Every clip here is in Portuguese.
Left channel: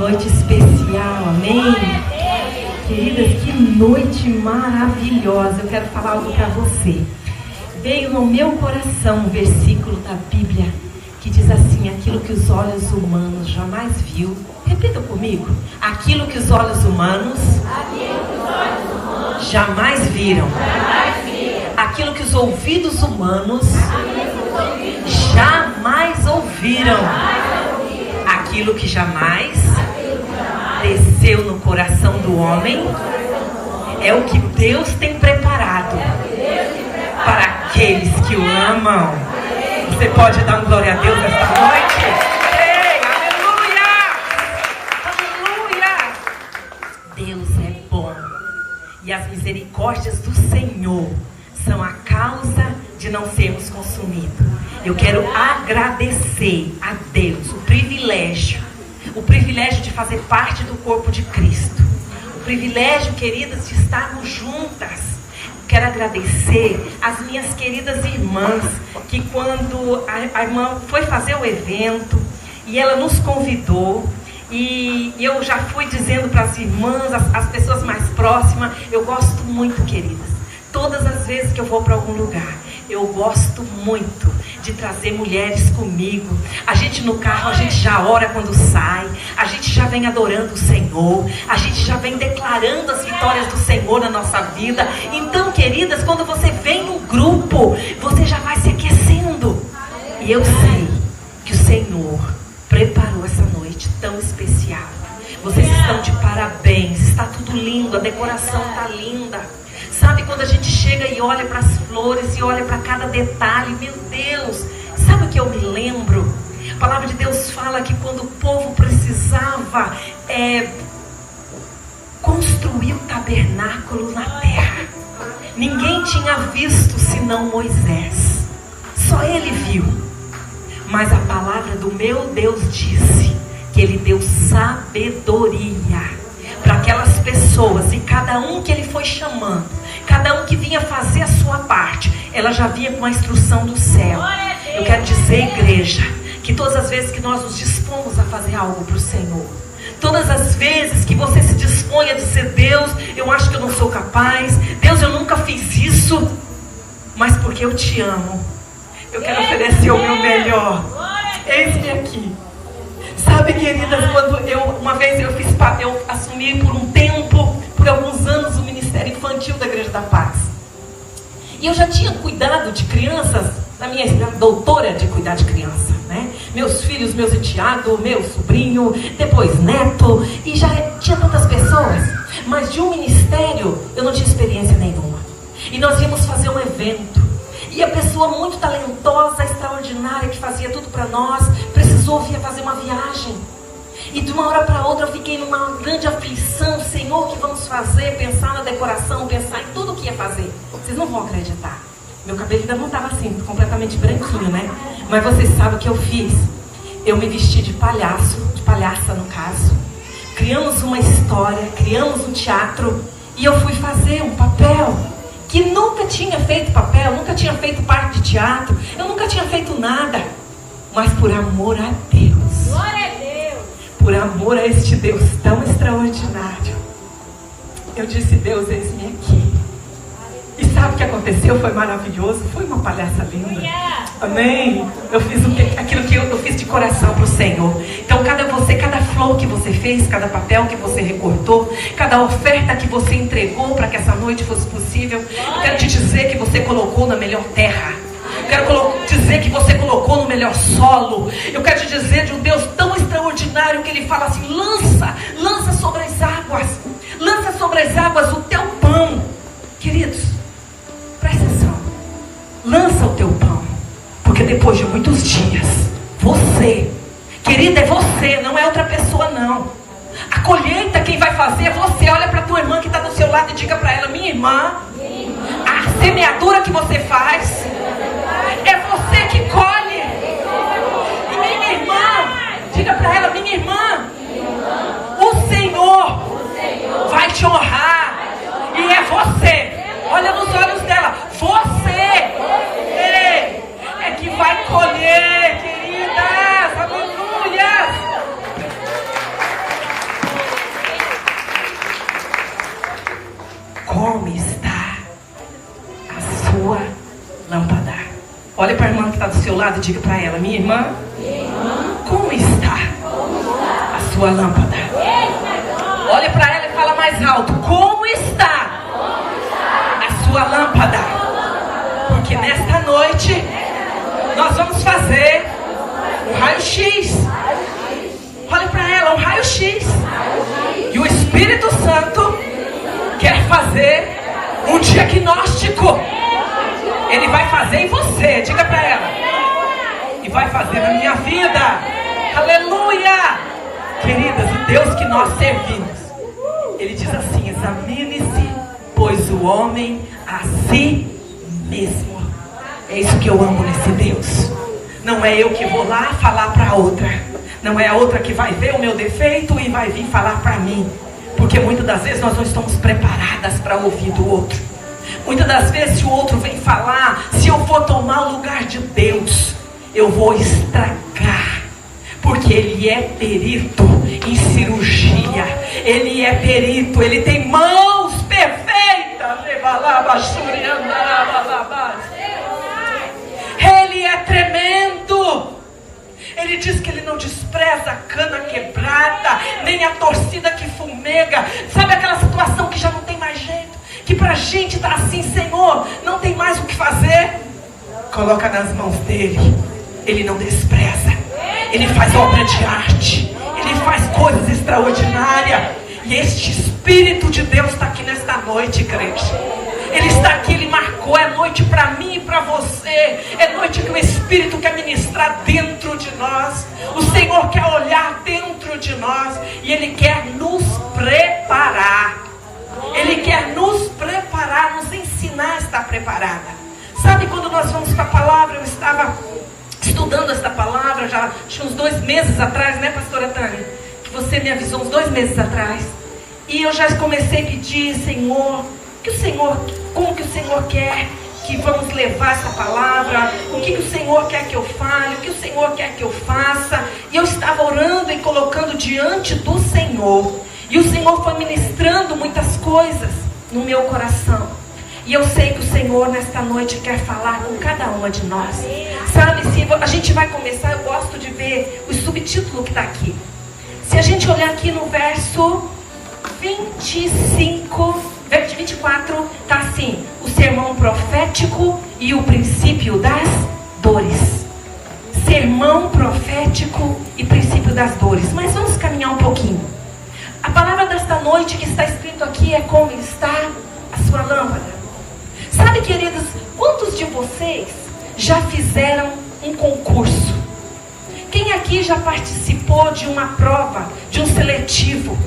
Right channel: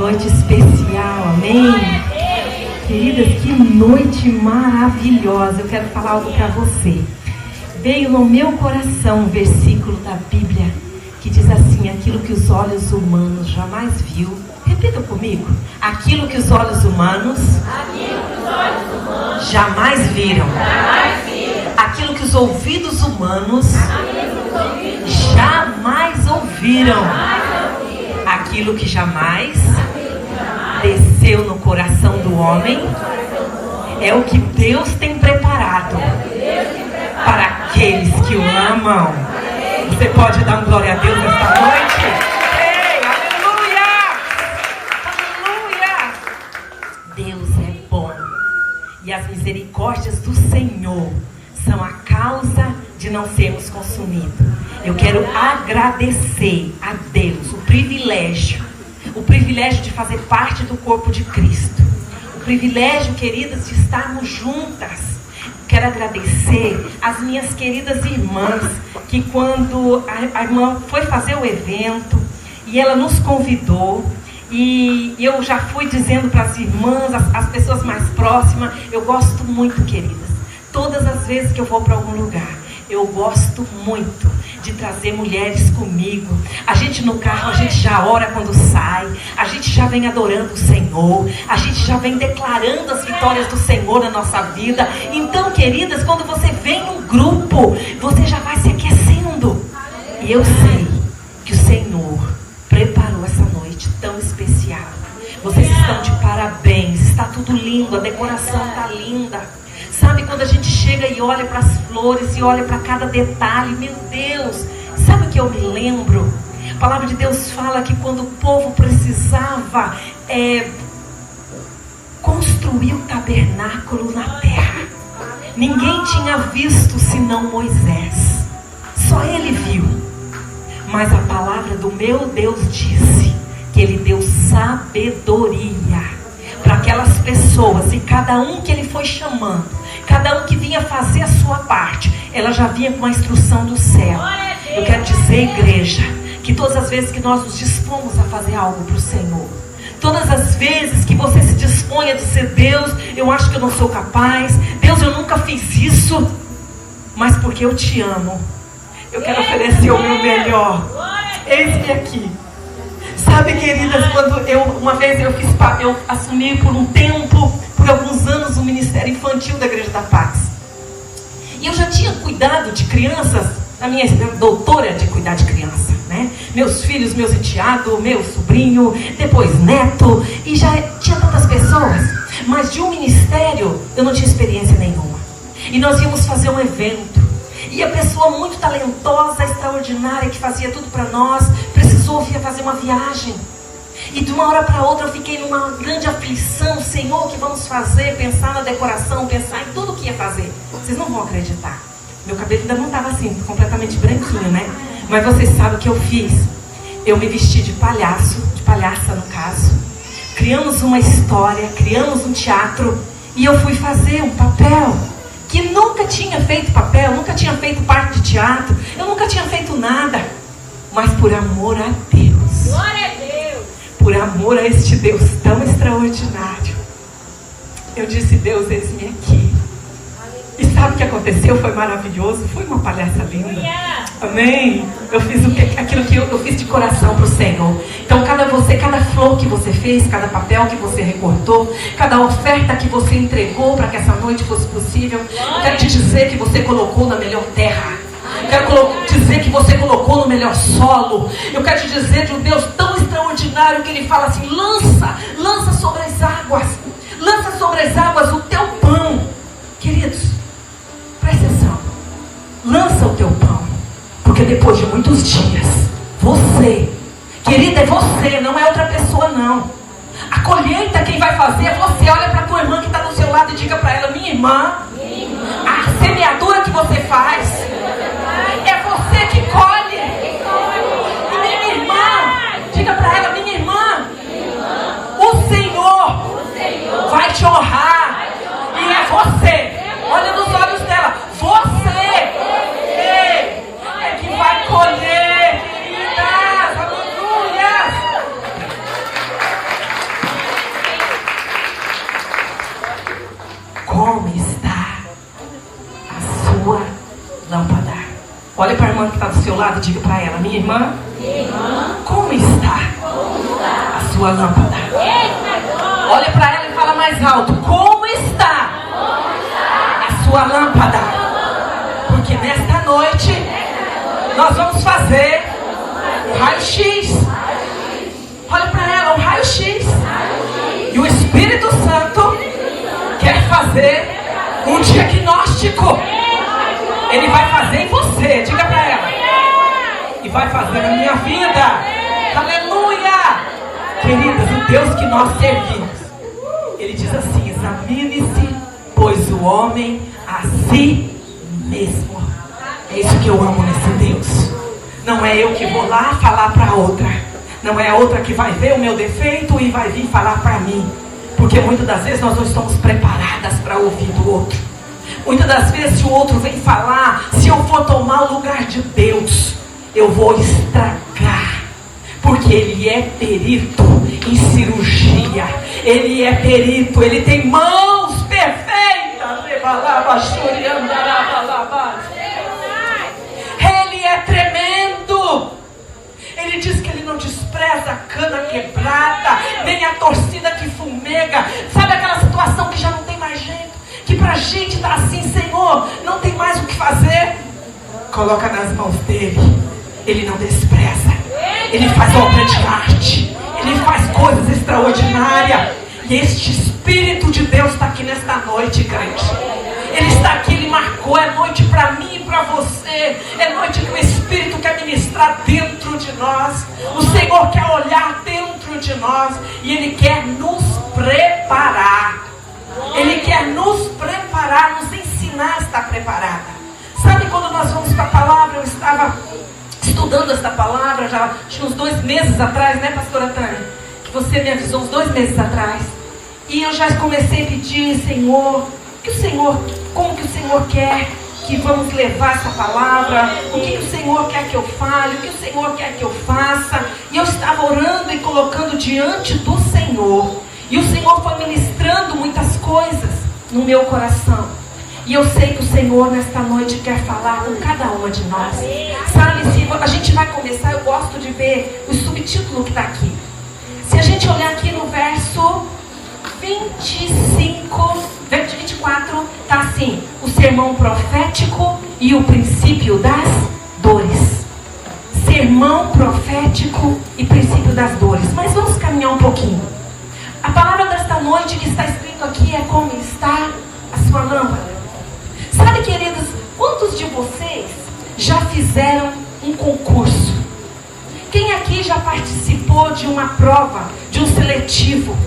noite especial, amém? Queridas, que noite maravilhosa. Eu quero falar algo para você. Veio no meu coração um versículo da Bíblia que diz assim: aquilo que os olhos humanos jamais viu. Repita comigo: aquilo que os olhos humanos jamais viram. Aquilo que os ouvidos humanos jamais ouviram. Aquilo que jamais desceu no coração do homem é o que Deus tem preparado para aqueles que o amam. Você pode dar glória a Deus esta noite? Ei, aleluia! Aleluia! Deus é bom e as misericórdias do Senhor são a causa de não sermos consumidos. Eu quero agradecer a Deus o privilégio de fazer parte do corpo de Cristo. O privilégio, queridas, de estarmos juntas. Quero agradecer às minhas queridas irmãs, que quando a irmã foi fazer o evento e ela nos convidou, e eu já fui dizendo para as irmãs, as pessoas mais próximas, eu gosto muito, queridas, todas as vezes que eu vou para algum lugar, eu gosto muito de trazer mulheres comigo. A gente no carro, a gente já ora quando sai, a gente já vem adorando o Senhor, a gente já vem declarando as vitórias do Senhor na nossa vida. Então, queridas, quando você vem num grupo, você já vai se aquecendo. E eu sei que o Senhor preparou essa noite tão especial. Vocês estão de parabéns, está tudo lindo, a decoração está linda. Sabe, quando a gente chega e olha para as flores e olha para cada detalhe, meu Deus, sabe o que eu me lembro? A palavra de Deus fala que quando o povo precisava construir o tabernáculo na terra, ninguém tinha visto senão Moisés, só ele viu. Mas a palavra do meu Deus disse que ele deu sabedoria para aquelas pessoas, e cada um que ele foi chamando, cada um que vinha fazer a sua parte, ela já vinha com a instrução do céu. Eu quero dizer, igreja, que todas as vezes que nós nos dispomos a fazer algo para o Senhor, todas as vezes que você se dispõe a dizer: Deus, eu acho que eu não sou capaz, Deus, eu nunca fiz isso, mas porque eu te amo, eu quero oferecer o meu melhor. Eis-me aqui. Sabe, queridas, quando uma vez eu assumi por um tempo, por alguns anos, o Ministério Infantil da Igreja da Paz. E eu já tinha cuidado de crianças, a minha doutora de cuidar de criança, né? Meus filhos, meus enteados, meu sobrinho, depois neto, e já tinha tantas pessoas. Mas de um ministério eu não tinha experiência nenhuma. E nós íamos fazer um evento. E a pessoa muito talentosa, extraordinária, que fazia tudo para nós, precisou vir fazer uma viagem. E de uma hora para outra eu fiquei numa grande aflição. Senhor, o que vamos fazer? Pensar na decoração, pensar em tudo o que ia fazer. Vocês não vão acreditar. Meu cabelo ainda não estava assim, completamente branquinho, né? Mas vocês sabem o que eu fiz? Eu me vesti de palhaço, de palhaça no caso. Criamos uma história, criamos um teatro. E eu fui fazer um papel que nunca tinha feito papel, nunca tinha feito parte de teatro, eu nunca tinha feito nada. Mas por amor a Deus, glória a Deus, por amor a este Deus tão extraordinário, eu disse: Deus, eis-me aqui. E sabe o que aconteceu? Foi maravilhoso, foi uma palhaça linda. Amém? Eu fiz aquilo que eu fiz de coração para o Senhor. Então cada flor que você fez, cada papel que você recortou, cada oferta que você entregou para que essa noite fosse possível, eu quero te dizer que você colocou na melhor terra. Eu quero dizer que você colocou no melhor solo. Eu quero te dizer de um Deus tão extraordinário que Ele fala assim: lança sobre as águas o teu pão. Queridos, presta atenção, lança o teu pão, porque depois de muitos dias, você, querida, é você, não é outra pessoa não. A colheita quem vai fazer é você. Olha para a tua irmã que está do seu lado e diga para ela: minha irmã, a semeadura que você faz é você que colhe. E minha irmã, diga para ela: minha irmã, o Senhor vai te honrar. E é você, olha nos olhos dela, você é que vai colher, queridas. Aleluia. como está a sua lâmpada. Olha para a irmã que está do seu lado e diga para ela: minha irmã, como está a sua lâmpada? Olha para ela e fala mais alto: como está a sua lâmpada? Porque nesta noite nós vamos fazer um raio-x. Olha para ela, um raio-x. E o Espírito Santo quer fazer um diagnóstico. Ele vai fazer em você, diga para ela. E vai fazer na minha vida. Aleluia! Queridas, o Deus que nós servimos, Ele diz assim: examine-se, pois o homem a si mesmo. É isso que eu amo nesse Deus. Não é eu que vou lá falar para outra. Não é a outra que vai ver o meu defeito e vai vir falar para mim. Porque muitas das vezes nós não estamos preparadas para ouvir do outro. Muitas das vezes, se o outro vem falar, se eu for tomar o lugar de Deus, eu vou estragar. Porque Ele é perito em cirurgia. Ele é perito, Ele tem mãos perfeitas. Ele é tremendo. Ele diz que Ele não despreza a cana quebrada, nem a torcida que fumega. Sabe aquela situação que já não tem mais jeito? Que pra gente tá assim: Senhor, não tem mais o que fazer. Coloca nas mãos dEle. Ele não despreza. Ele faz obra de arte. Ele faz coisas extraordinárias. E este Espírito de Deus está aqui nesta noite, igreja. Ele está aqui, Ele marcou. É noite para mim e para você. É noite que o Espírito quer ministrar dentro de nós. O Senhor quer olhar dentro de nós. E Ele quer nos preparar. Ele quer nos preparar, nos ensinar a estar preparada. Sabe, quando nós vamos para a palavra, eu estava estudando esta palavra já tinha uns 2 meses atrás, né, pastora Tânia? Que você me avisou uns 2 meses atrás. E eu já comecei a pedir: Senhor, como que o Senhor quer que vamos levar essa palavra? O que o Senhor quer que eu fale? O que o Senhor quer que eu faça? E eu estava orando e colocando diante do Senhor. E o Senhor foi ministrando muitas coisas no meu coração. E eu sei que o Senhor nesta noite quer falar com cada uma de nós. Sabe, se a gente vai começar, eu gosto de ver o subtítulo que está aqui. Se a gente olhar aqui no verso 24, está assim: o sermão profético e o princípio das dores. Sermão profético e princípio das dores. Mas vamos caminhar um pouquinho. A palavra desta noite que está escrito aqui é: como está a sua lâmpada. Sabe, queridos, quantos de vocês já fizeram um concurso? Quem aqui já participou de uma prova, de um seletivo?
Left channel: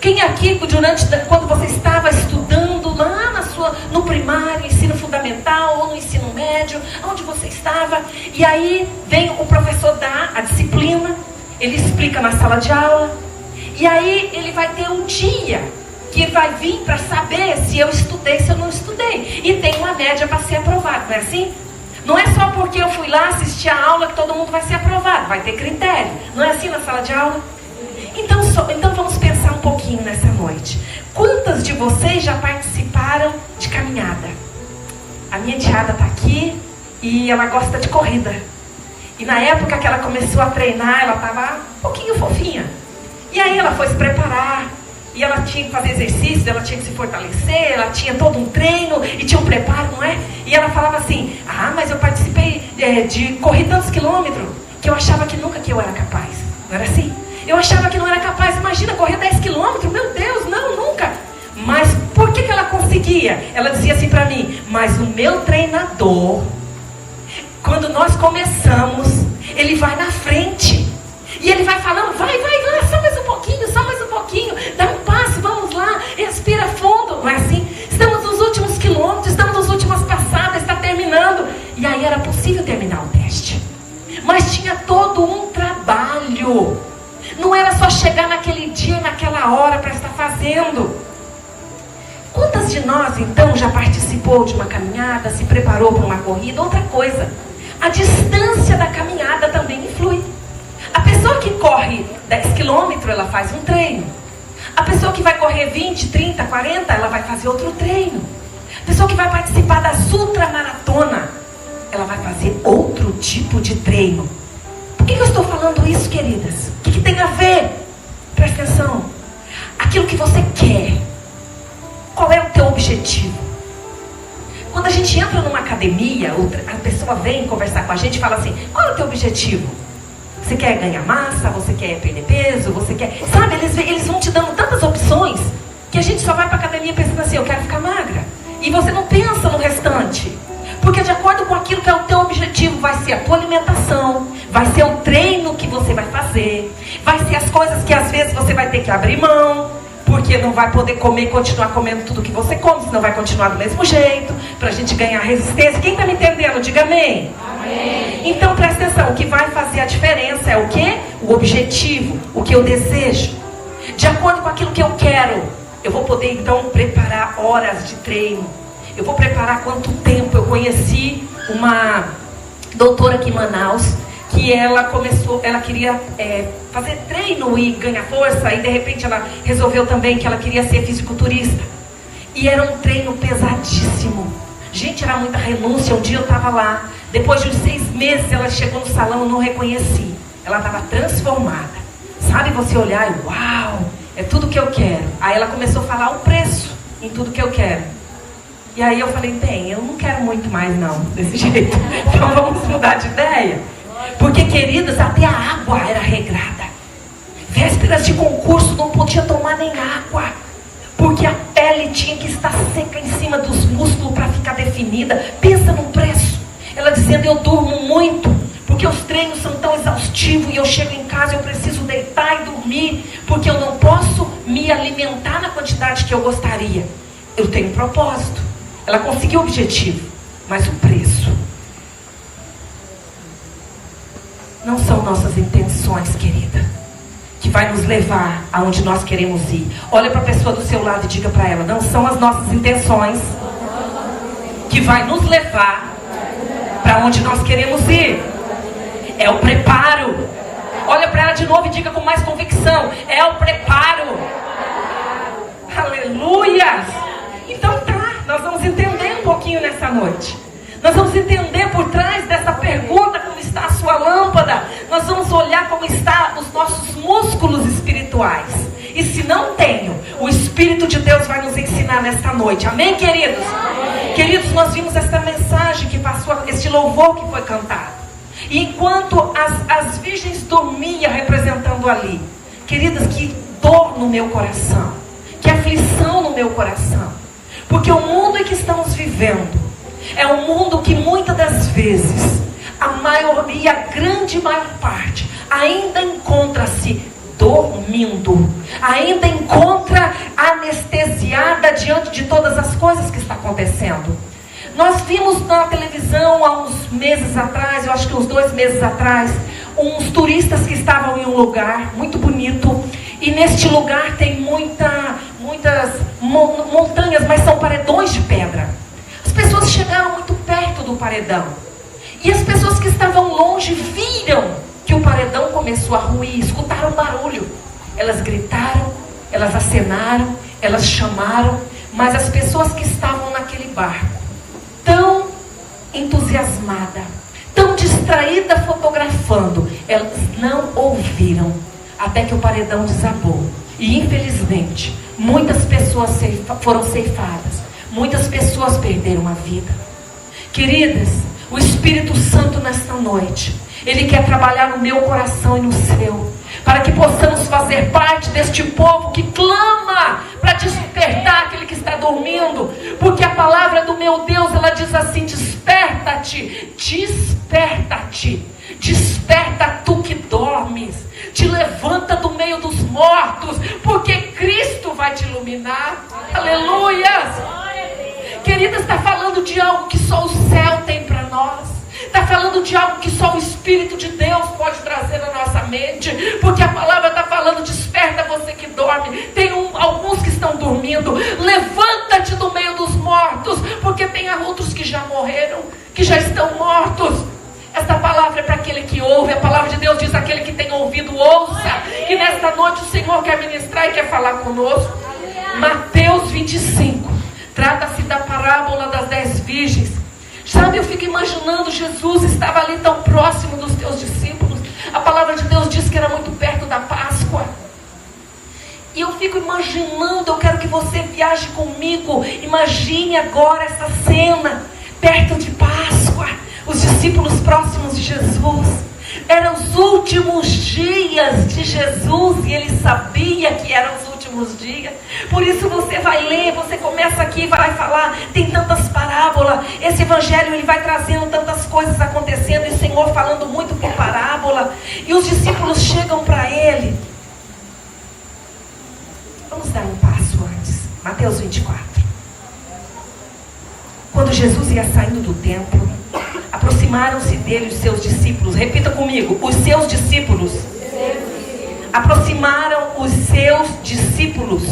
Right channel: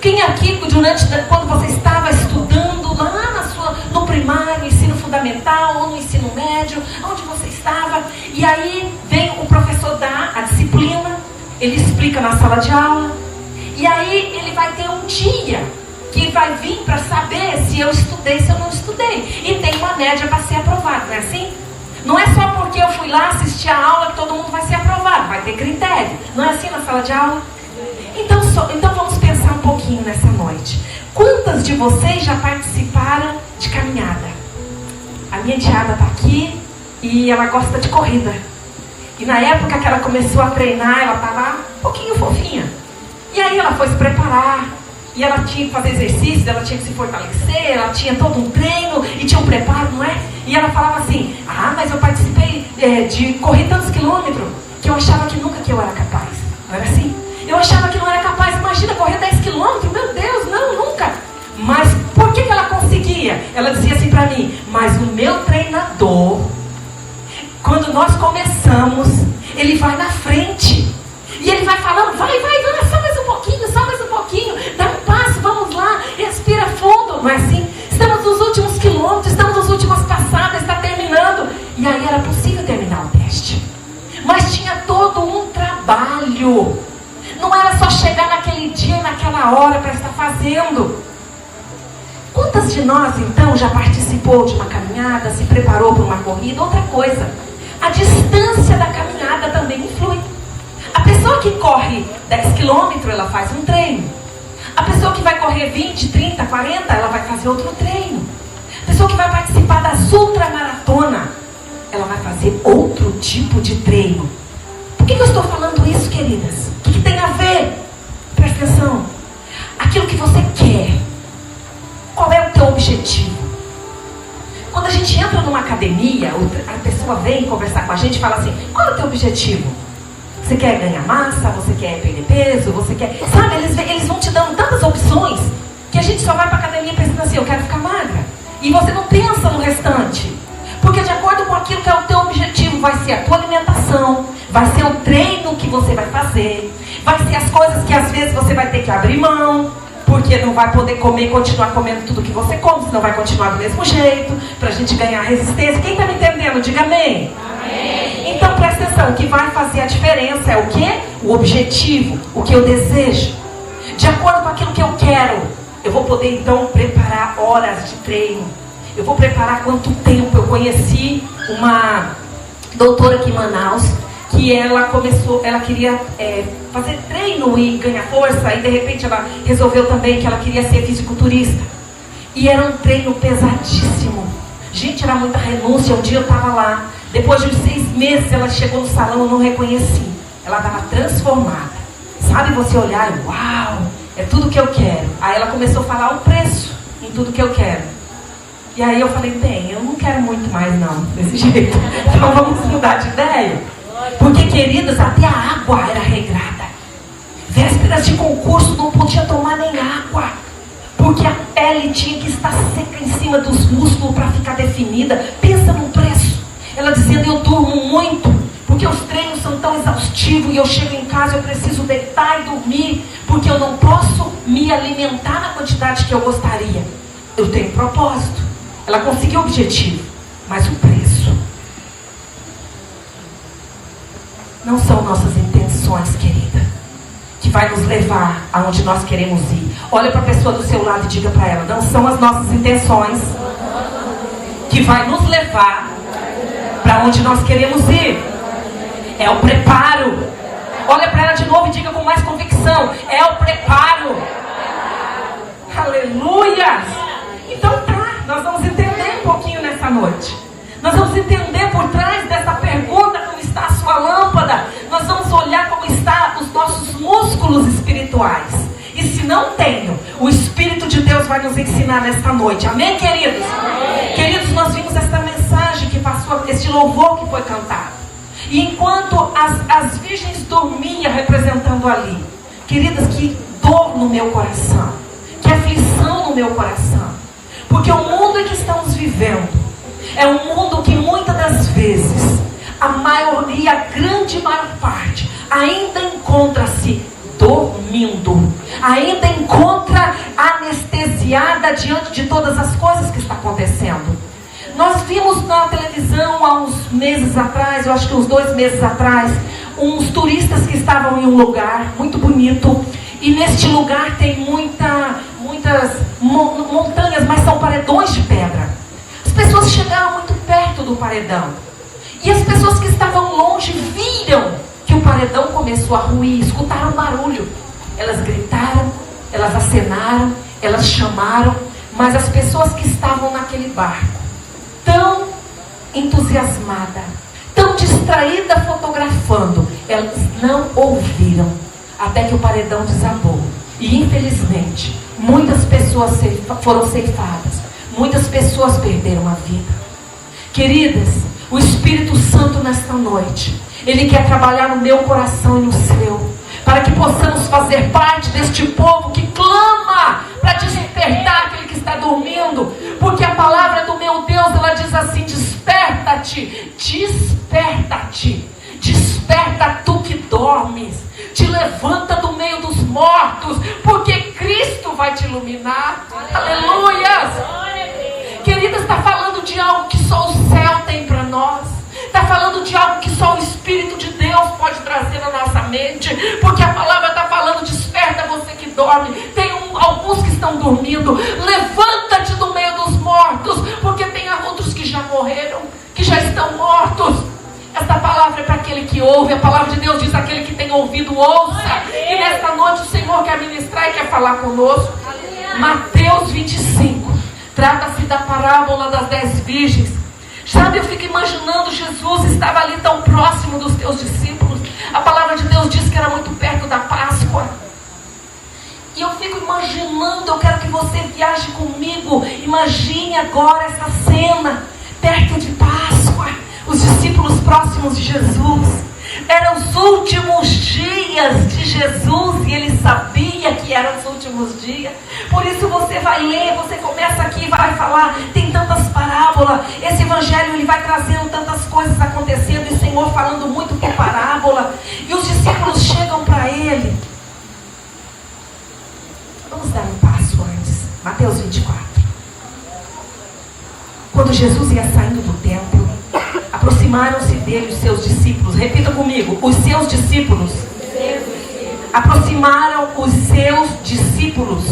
Quem aqui, quando você estava estudando lá no primário, ensino fundamental ou no ensino médio, onde você estava, e aí vem o professor dar a disciplina, ele explica na sala de aula, e aí ele vai ter um dia que vai vir para saber se eu estudei, se eu não estudei. E tem uma média para ser aprovado, não é assim? Não é só porque eu fui lá assistir a aula que todo mundo vai ser aprovado, vai ter critério. Não é assim na sala de aula? Então vamos pensar um pouquinho nessa noite. Quantas de vocês já participaram de caminhada? A minha enteada está aqui e ela gosta de corrida. E na época que ela começou a treinar, ela estava um pouquinho fofinha. E aí ela foi se preparar. E ela tinha que fazer exercício, ela tinha que se fortalecer, ela tinha todo um treino e tinha um preparo, não é? E ela falava assim: mas eu participei de correr tantos quilômetros que eu achava que nunca que eu era capaz. Não era assim? Eu achava que não era capaz. Imagina, correr 10 quilômetros, meu Deus, não, nunca. Mas por que ela conseguia? Ela dizia assim para mim: mas o meu treinador, quando nós começamos, ele vai na frente. E ele vai falando: vai, só mais um pouquinho, dá um passo, vamos lá, respira fundo. Não é assim? Estamos nos últimos quilômetros, estamos nas últimas passadas, está terminando. E aí era possível terminar o teste. Mas tinha todo um trabalho. Não era só chegar naquele dia, naquela hora para estar fazendo. Quantas de nós, então, já participou de uma caminhada, se preparou para uma corrida? Outra coisa, a distância da caminhada também influi. A pessoa que corre 10 quilômetros, ela faz um treino. A pessoa que vai correr 20, 30, 40, ela vai fazer outro treino. A pessoa que vai participar das ultramaratona, ela vai fazer outro tipo de treino. Por que eu estou falando isso, queridas? O que tem a ver? Presta atenção. Aquilo que você quer. Qual é o teu objetivo? Quando a gente entra numa academia, a pessoa vem conversar com a gente e fala assim: qual é o teu objetivo? Você quer ganhar massa? Você quer perder peso? Você quer... Sabe, eles vão te dando tantas opções que a gente só vai para a academia pensando assim: eu quero ficar magra. E você não pensa no restante. Porque de acordo com aquilo que é o teu objetivo, vai ser a tua alimentação, vai ser o treino que você vai fazer, vai ser as coisas que às vezes você vai ter que abrir mão, porque não vai poder comer, continuar comendo tudo que você come, senão vai continuar do mesmo jeito, pra gente ganhar resistência. Quem está me entendendo? Diga amém. Amém. Então presta atenção, o que vai fazer a diferença é o quê? O objetivo, o que eu desejo. De acordo com aquilo que eu quero, eu vou poder então preparar horas de treino. Eu vou preparar quanto tempo. Eu conheci uma doutora aqui em Manaus, que ela queria fazer treino e ganhar força, e de repente ela resolveu também que ela queria ser fisiculturista. E era um treino pesadíssimo. Gente, era muita renúncia. Um dia eu estava lá, depois de 6 meses ela chegou no salão, eu não reconheci. Ela estava transformada. Sabe você olhar e uau, é tudo que eu quero. Aí ela começou a falar o preço em tudo que eu quero. E aí eu falei: eu não quero muito mais não, desse jeito. Então vamos mudar de ideia. Porque, queridas, até a água era regrada. Vésperas de concurso, não podia tomar nem água, porque a pele tinha que estar seca em cima dos músculos para ficar definida. Pensa no preço. Ela dizendo: eu durmo muito, porque os treinos são tão exaustivos, e eu chego em casa e eu preciso deitar e dormir, porque eu não posso me alimentar na quantidade que eu gostaria. Eu tenho propósito. Ela conseguiu o objetivo, mas o preço. Não são nossas intenções, querida, que vai nos levar aonde nós queremos ir. Olha para a pessoa do seu lado e diga para ela: não são as nossas intenções que vai nos levar para onde nós queremos ir. É o preparo. Olha para ela de novo e diga com mais convicção: é o preparo. Aleluia! Então tá, nós vamos entender um pouquinho nessa noite. Nós vamos entender por trás dessa pergunta como está a sua lâmpada. Nós vamos olhar como estão os nossos músculos espirituais. E se não tenho, o Espírito de Deus vai nos ensinar nesta noite. Amém, queridos? Amém. Queridos, nós vimos essa mensagem que passou, esse louvor que foi cantado. E enquanto as virgens dormiam representando ali, queridas, que dor no meu coração, que aflição no meu coração. Porque o mundo em que estamos vivendo é um mundo que muitas das vezes, a maioria, a grande maior parte, ainda encontra-se dormindo, ainda encontra anestesiada diante de todas as coisas que estão acontecendo. Nós vimos na televisão há uns meses atrás, eu acho que uns 2 meses atrás, uns turistas que estavam em um lugar muito bonito, e neste lugar tem muitas montanhas, mas são paredões de pedra. As pessoas chegaram muito perto do paredão, e as pessoas que estavam longe viram que o paredão começou a ruir, escutaram barulho. Elas gritaram, elas acenaram, elas chamaram, mas as pessoas que estavam naquele barco, tão entusiasmadas, tão distraídas fotografando, elas não ouviram até que o paredão desabou. E infelizmente, muitas pessoas foram ceifadas, muitas pessoas perderam a vida. Queridas, o Espírito Santo nesta noite, Ele quer trabalhar no meu coração e no seu, para que possamos fazer parte deste povo que clama para despertar aquele que está dormindo. Porque a palavra do meu Deus, ela diz assim: desperta-te, desperta-te, desperta tu que dormes, te levanta do meio dos mortos, porque Cristo vai te iluminar. Aleluia! Querida, está falando de algo que só o céu tem para nós. Está falando de algo que só o Espírito de Deus pode trazer na nossa mente. Porque a palavra está falando: desperta você que dorme. Tem alguns que estão dormindo. Levanta-te do meio dos mortos, porque tem outros que já morreram, que já estão mortos. Essa palavra palavra é para aquele que ouve. A palavra de Deus diz: aquele que tem ouvido, ouça. E nesta noite o Senhor quer ministrar e quer falar conosco. Mateus 25. Trata-se da parábola das 10 virgens. Sabe, eu fico imaginando, Jesus estava ali tão próximo dos teus discípulos. A palavra de Deus diz que era muito perto da Páscoa. E eu fico imaginando, eu quero que você viaje comigo. Imagine agora essa cena, perto de Páscoa. Os discípulos próximos de Jesus. Eram os últimos dias de Jesus e ele sabia que eram os últimos dias. Por isso você vai ler, você começa aqui e vai falar, tem tantas parábolas. Esse evangelho ele vai trazendo tantas coisas acontecendo e o Senhor falando muito por parábola. E os discípulos chegam para ele. Vamos dar um passo antes. Mateus 24. Quando Jesus ia saindo do templo, aproximaram-se dele os seus discípulos. Repita comigo: os seus discípulos. Aproximaram os seus discípulos.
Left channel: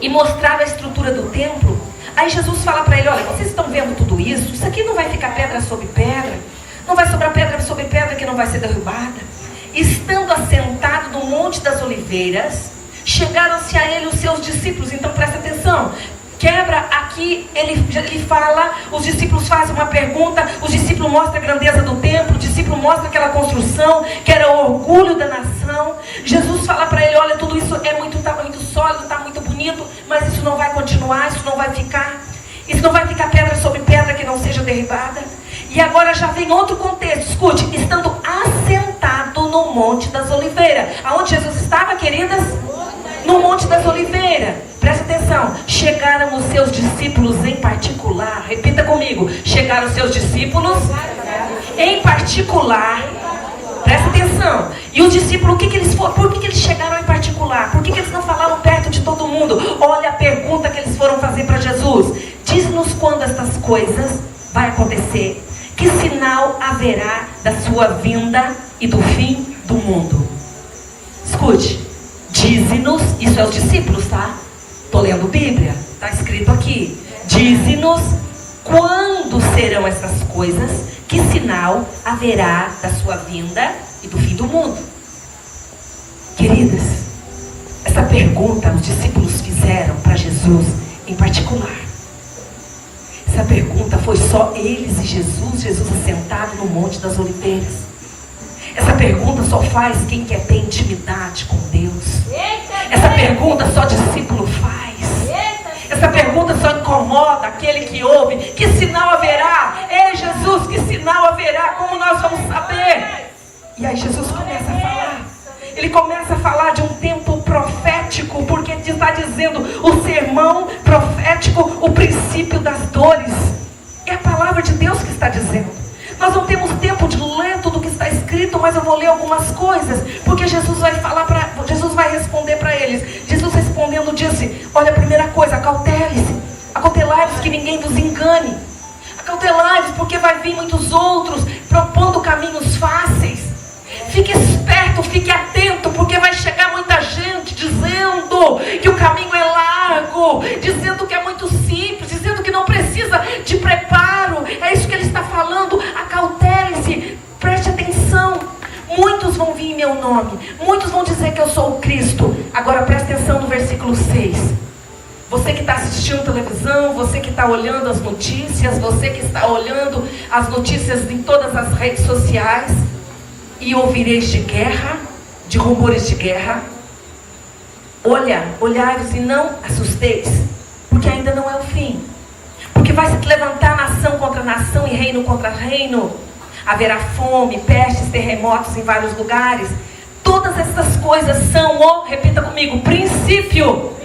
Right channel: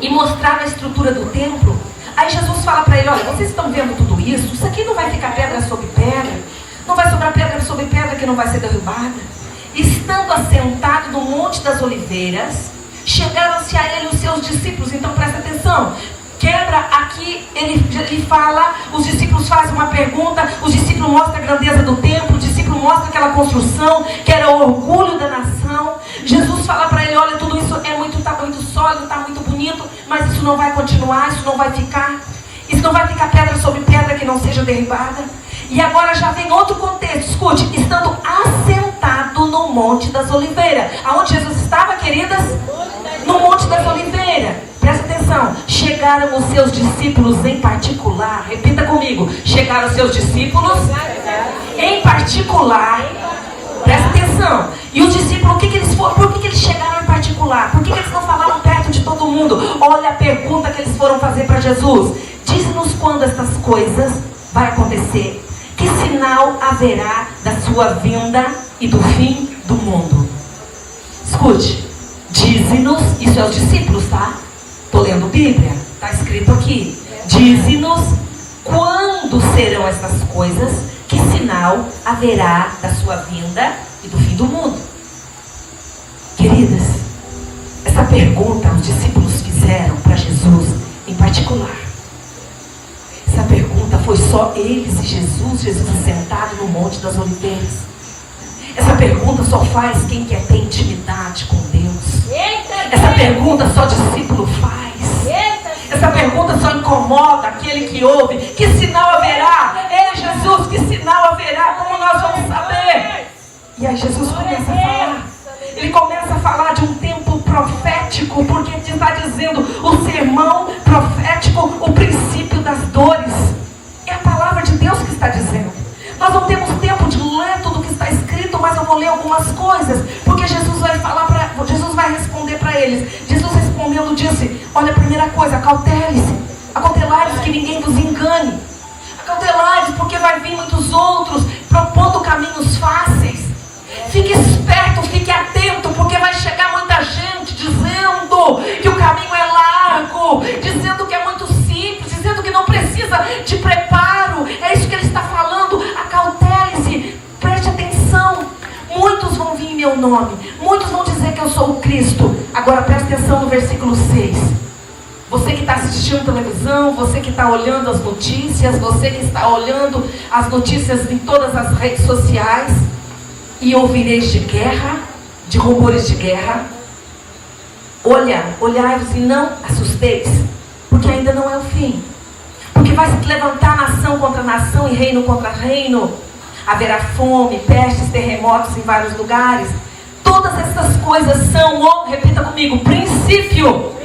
E mostrava a estrutura do templo. Aí Jesus fala para ele: olha, vocês estão vendo tudo isso? Isso aqui não vai ficar pedra sobre pedra. Não vai sobrar pedra sobre pedra que não vai ser derrubada. Estando assentado no Monte das Oliveiras, chegaram-se a ele os seus discípulos. Então presta atenção. Quebra aqui, ele fala, os discípulos fazem uma pergunta, os discípulos mostram a grandeza do templo, o discípulo mostra aquela construção, que era o orgulho da nação. Jesus fala para ele: olha, tudo isso está muito sólido, está muito bonito, mas isso não vai continuar, isso não vai ficar pedra sobre pedra que não seja derribada. E agora já vem outro contexto, escute, estando assentado no Monte das Oliveiras. Aonde Jesus estava, queridas? No Monte das Oliveiras. Presta atenção, chegaram os seus discípulos em particular. Repita comigo: chegaram os seus discípulos em particular. Presta atenção. E os discípulos, o que eles foram? Por que eles chegaram em particular? Por que eles não falaram perto de todo mundo? Olha a pergunta que eles foram fazer para Jesus: diz-nos quando estas coisas vai acontecer. Que sinal haverá da sua vinda e do fim do mundo? Escute, dize-nos, isso é os discípulos, tá? Estou lendo Bíblia, está escrito aqui. Dize-nos quando serão essas coisas, que sinal haverá da sua vinda e do fim do mundo. Queridas, essa pergunta os discípulos fizeram para Jesus em particular. Essa pergunta foi só eles e Jesus assentado no Monte das Oliveiras. Essa pergunta só faz quem quer ter intimidade com Deus. Essa pergunta só discípulo faz. Essa pergunta só incomoda aquele que ouve. Que sinal haverá? Ei, Jesus, que sinal haverá? Como nós vamos saber? E aí Jesus começa a falar. Ele começa a falar de um tempo profético, porque ele está dizendo o sermão profético, o princípio das dores. É a palavra de Deus que está dizendo. Nós não temos tempo de ler tudo o que está escrito, mas eu vou ler algumas coisas, porque Jesus vai vai responder para eles. Jesus respondendo disse: olha, a primeira coisa, acautelai-vos que ninguém vos engane. Acautelai-vos porque vai vir muitos outros propondo caminhos fáceis. Fique esperto, fique atento, porque vai chegar muita gente dizendo que o caminho é largo, dizendo que é muito simples, dizendo que não precisa de preparo. É isso que ele está falando. Acautelem-se, preste atenção. Muitos vão vir em meu nome, muitos vão dizer que eu sou o Cristo. Agora preste atenção no versículo 6. Você que está assistindo televisão, você que está olhando as notícias, você que está olhando as notícias em todas as redes sociais, e ouvireis de guerra, de rumores de guerra. Olhai-vos e não assusteis, porque ainda não é o fim. Porque vai se levantar nação contra nação e reino contra reino. Haverá fome, pestes, terremotos em vários lugares. Todas essas coisas são, repita comigo, princípio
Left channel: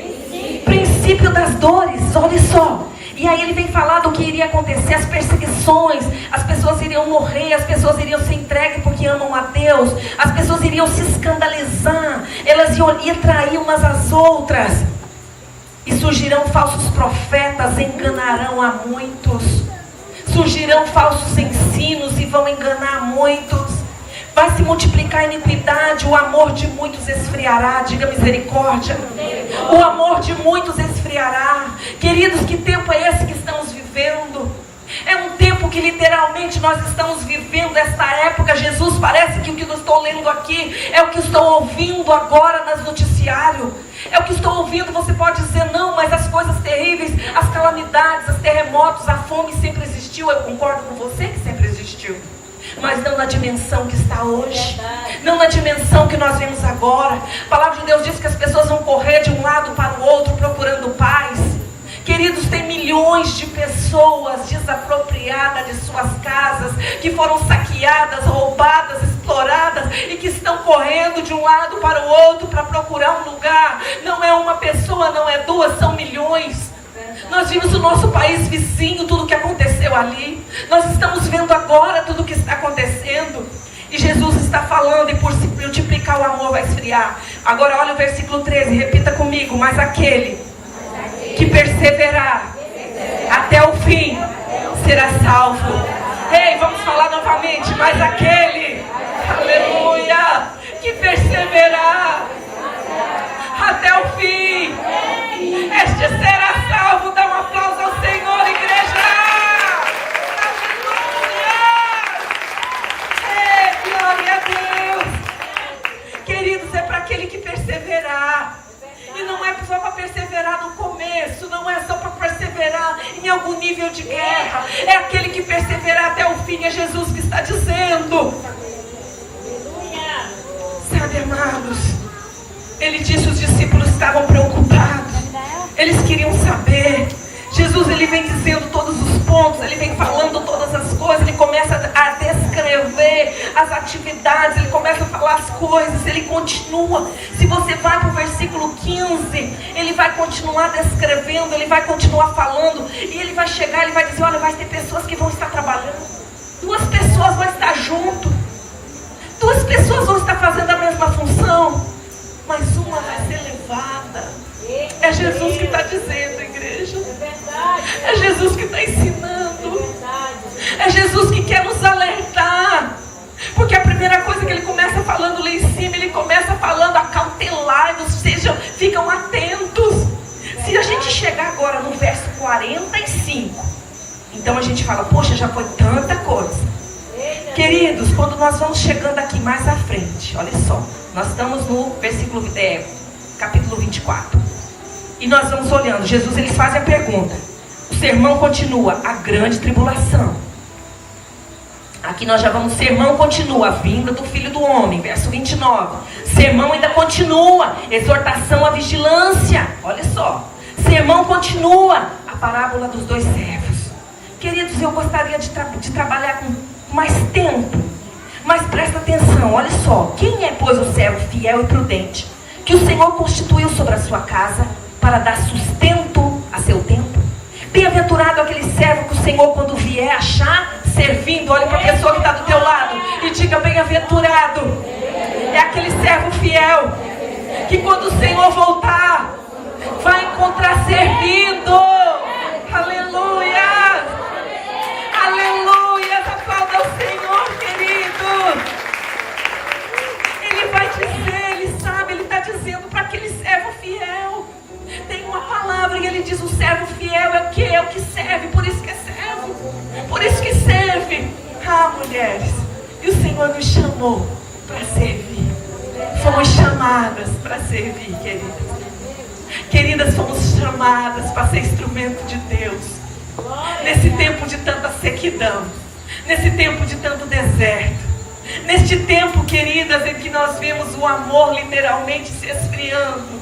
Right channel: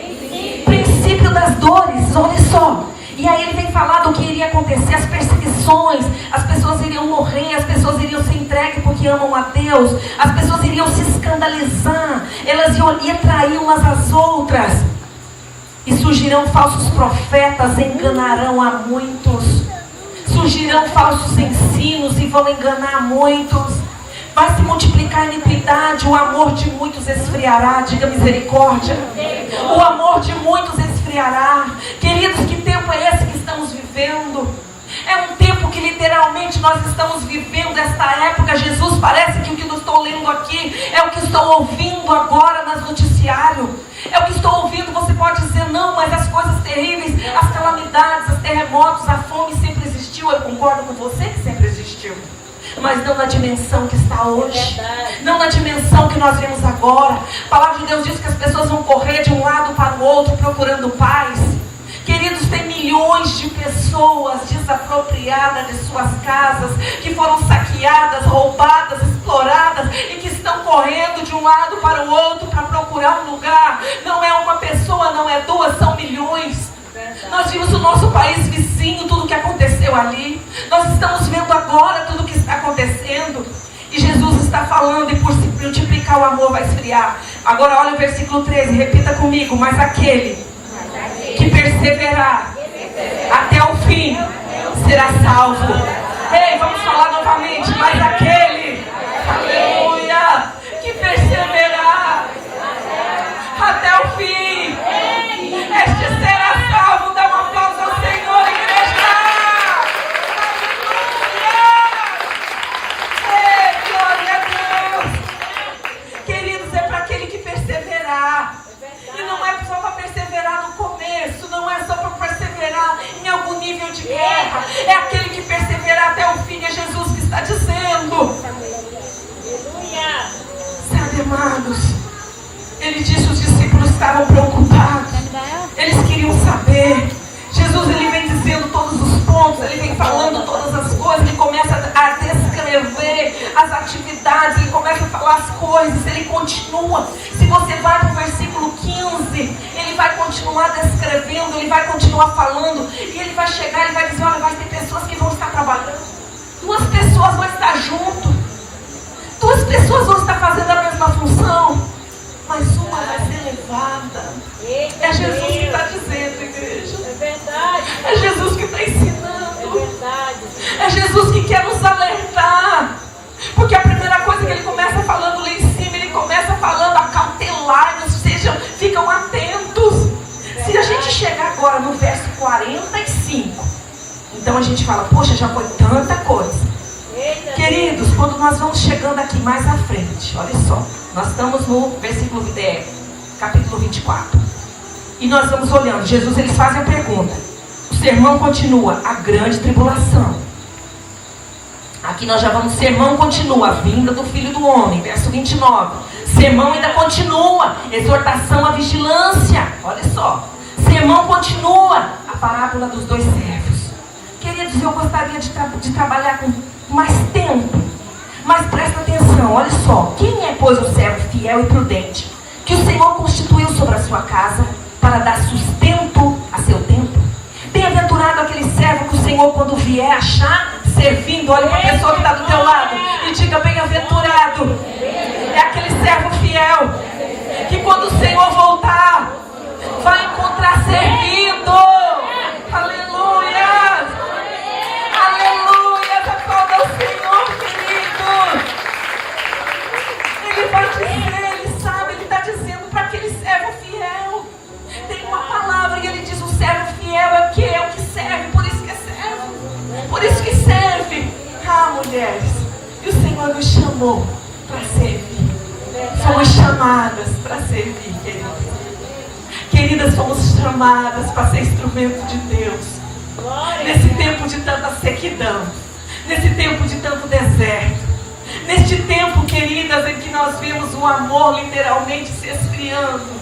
das dores. Olha só. E aí ele vem falar do que iria acontecer, as perseguições, as pessoas iriam morrer, as pessoas iriam se entregar porque amam a Deus, as pessoas iriam se escandalizar, elas iam trair umas às outras, e surgirão falsos profetas, enganarão a muitos, surgirão falsos ensinos e vão enganar muitos, vai se multiplicar a iniquidade, o amor de muitos esfriará, diga misericórdia, o amor de muitos esfriará. Queridos, que tempo é esse que estamos vivendo? É um tempo que literalmente nós vivendo esta época, Jesus, parece que o que eu estou lendo aqui é o que estou ouvindo agora nas noticiários. É o que estou ouvindo. Você pode dizer não, mas as coisas terríveis, as calamidades, os terremotos, a fome sempre existiu. Eu concordo com você que sempre existiu, mas não na dimensão que está hoje, não na dimensão que nós vemos agora. A palavra de Deus diz que as pessoas vão correr de um lado para o outro procurando paz. Queridos, tem milhões de pessoas desapropriadas de suas casas, que foram saqueadas, roubadas, exploradas e que estão correndo de um lado para o outro para procurar um lugar. Não é uma pessoa, não é duas, são milhões. Nós vimos o nosso país vizinho, tudo que aconteceu ali. Nós estamos vendo agora tudo o que está acontecendo. E Jesus está falando, e por se multiplicar o amor vai esfriar. Agora olha o versículo 13, repita comigo. Mas aquele que perseverar até o fim será salvo. Ei, vamos falar novamente. Mas aquele, aleluia, que perseverar até o fim, este será salvo. Dá um aplauso ao Senhor, igreja. Ei, glória a Deus. Queridos, é para aquele que perseverar. E não é só para perseverar no começo, não é só para perseverar em algum nível de guerra. É aquele que perseverar até o fim. É Jesus que está dizendo. Sabe, amados, ele disse, os discípulos estavam preocupados. Eles queriam saber. Jesus, ele vem dizendo todos os pontos, ele vem falando todas as coisas, ele começa a descrever as atividades, ele começa a falar as coisas, ele continua. Se você vai para o versículo 15, ele vai continuar descrevendo, ele vai continuar falando, e ele vai chegar, ele vai dizer, olha, vai ter pessoas que vão estar trabalhando, 2 pessoas vão estar junto, 2 pessoas vão estar fazendo a mesma função, mas uma vai ser levada. É Jesus que está dizendo, igreja. É Jesus que está ensinando. É Jesus que quer nos alertar. Porque a primeira coisa que ele começa falando lá em cima, ele começa falando acautelai-vos, ficam atentos. Se a gente chegar agora no verso 45, então a gente fala, poxa, já foi tanta coisa. Queridos, quando nós vamos chegando aqui mais à frente, olha só, nós estamos no versículo capítulo 24. E nós vamos olhando, Jesus, ele faz a pergunta. O sermão continua, a grande tribulação. Aqui nós já vamos, sermão continua, a vinda do Filho do Homem, verso 29. Sermão ainda continua, exortação à vigilância. Olha só, sermão continua, a parábola dos 2 servos. Queridos, eu gostaria de trabalhar com mais tempo, mas presta atenção, olha só. Quem é, pois, o servo fiel e prudente, que o Senhor constituiu sobre a sua casa, para dar sustento a seu tempo? Bem-aventurado aquele servo que o Senhor, quando vier, achar servindo. Olha para a pessoa que está do teu lado e diga, bem-aventurado. É aquele servo fiel que quando o Senhor voltar, vai encontrar servindo. Aleluia. Aleluia. Aplauda ao Senhor, querido. Ele vai dizer, ele sabe, ele está dizendo para aquele servo fiel. Tem uma palavra e ele diz, o servo fiel é o que serve, por isso que é servo, por isso que serve. Ah, mulheres, e o Senhor nos chamou para servir. Fomos chamadas para servir, queridas. Queridas, fomos chamadas para ser instrumento de Deus. Nesse tempo de tanta sequidão, nesse tempo de tanto deserto, neste tempo, queridas, em que nós vimos o amor literalmente se esfriando.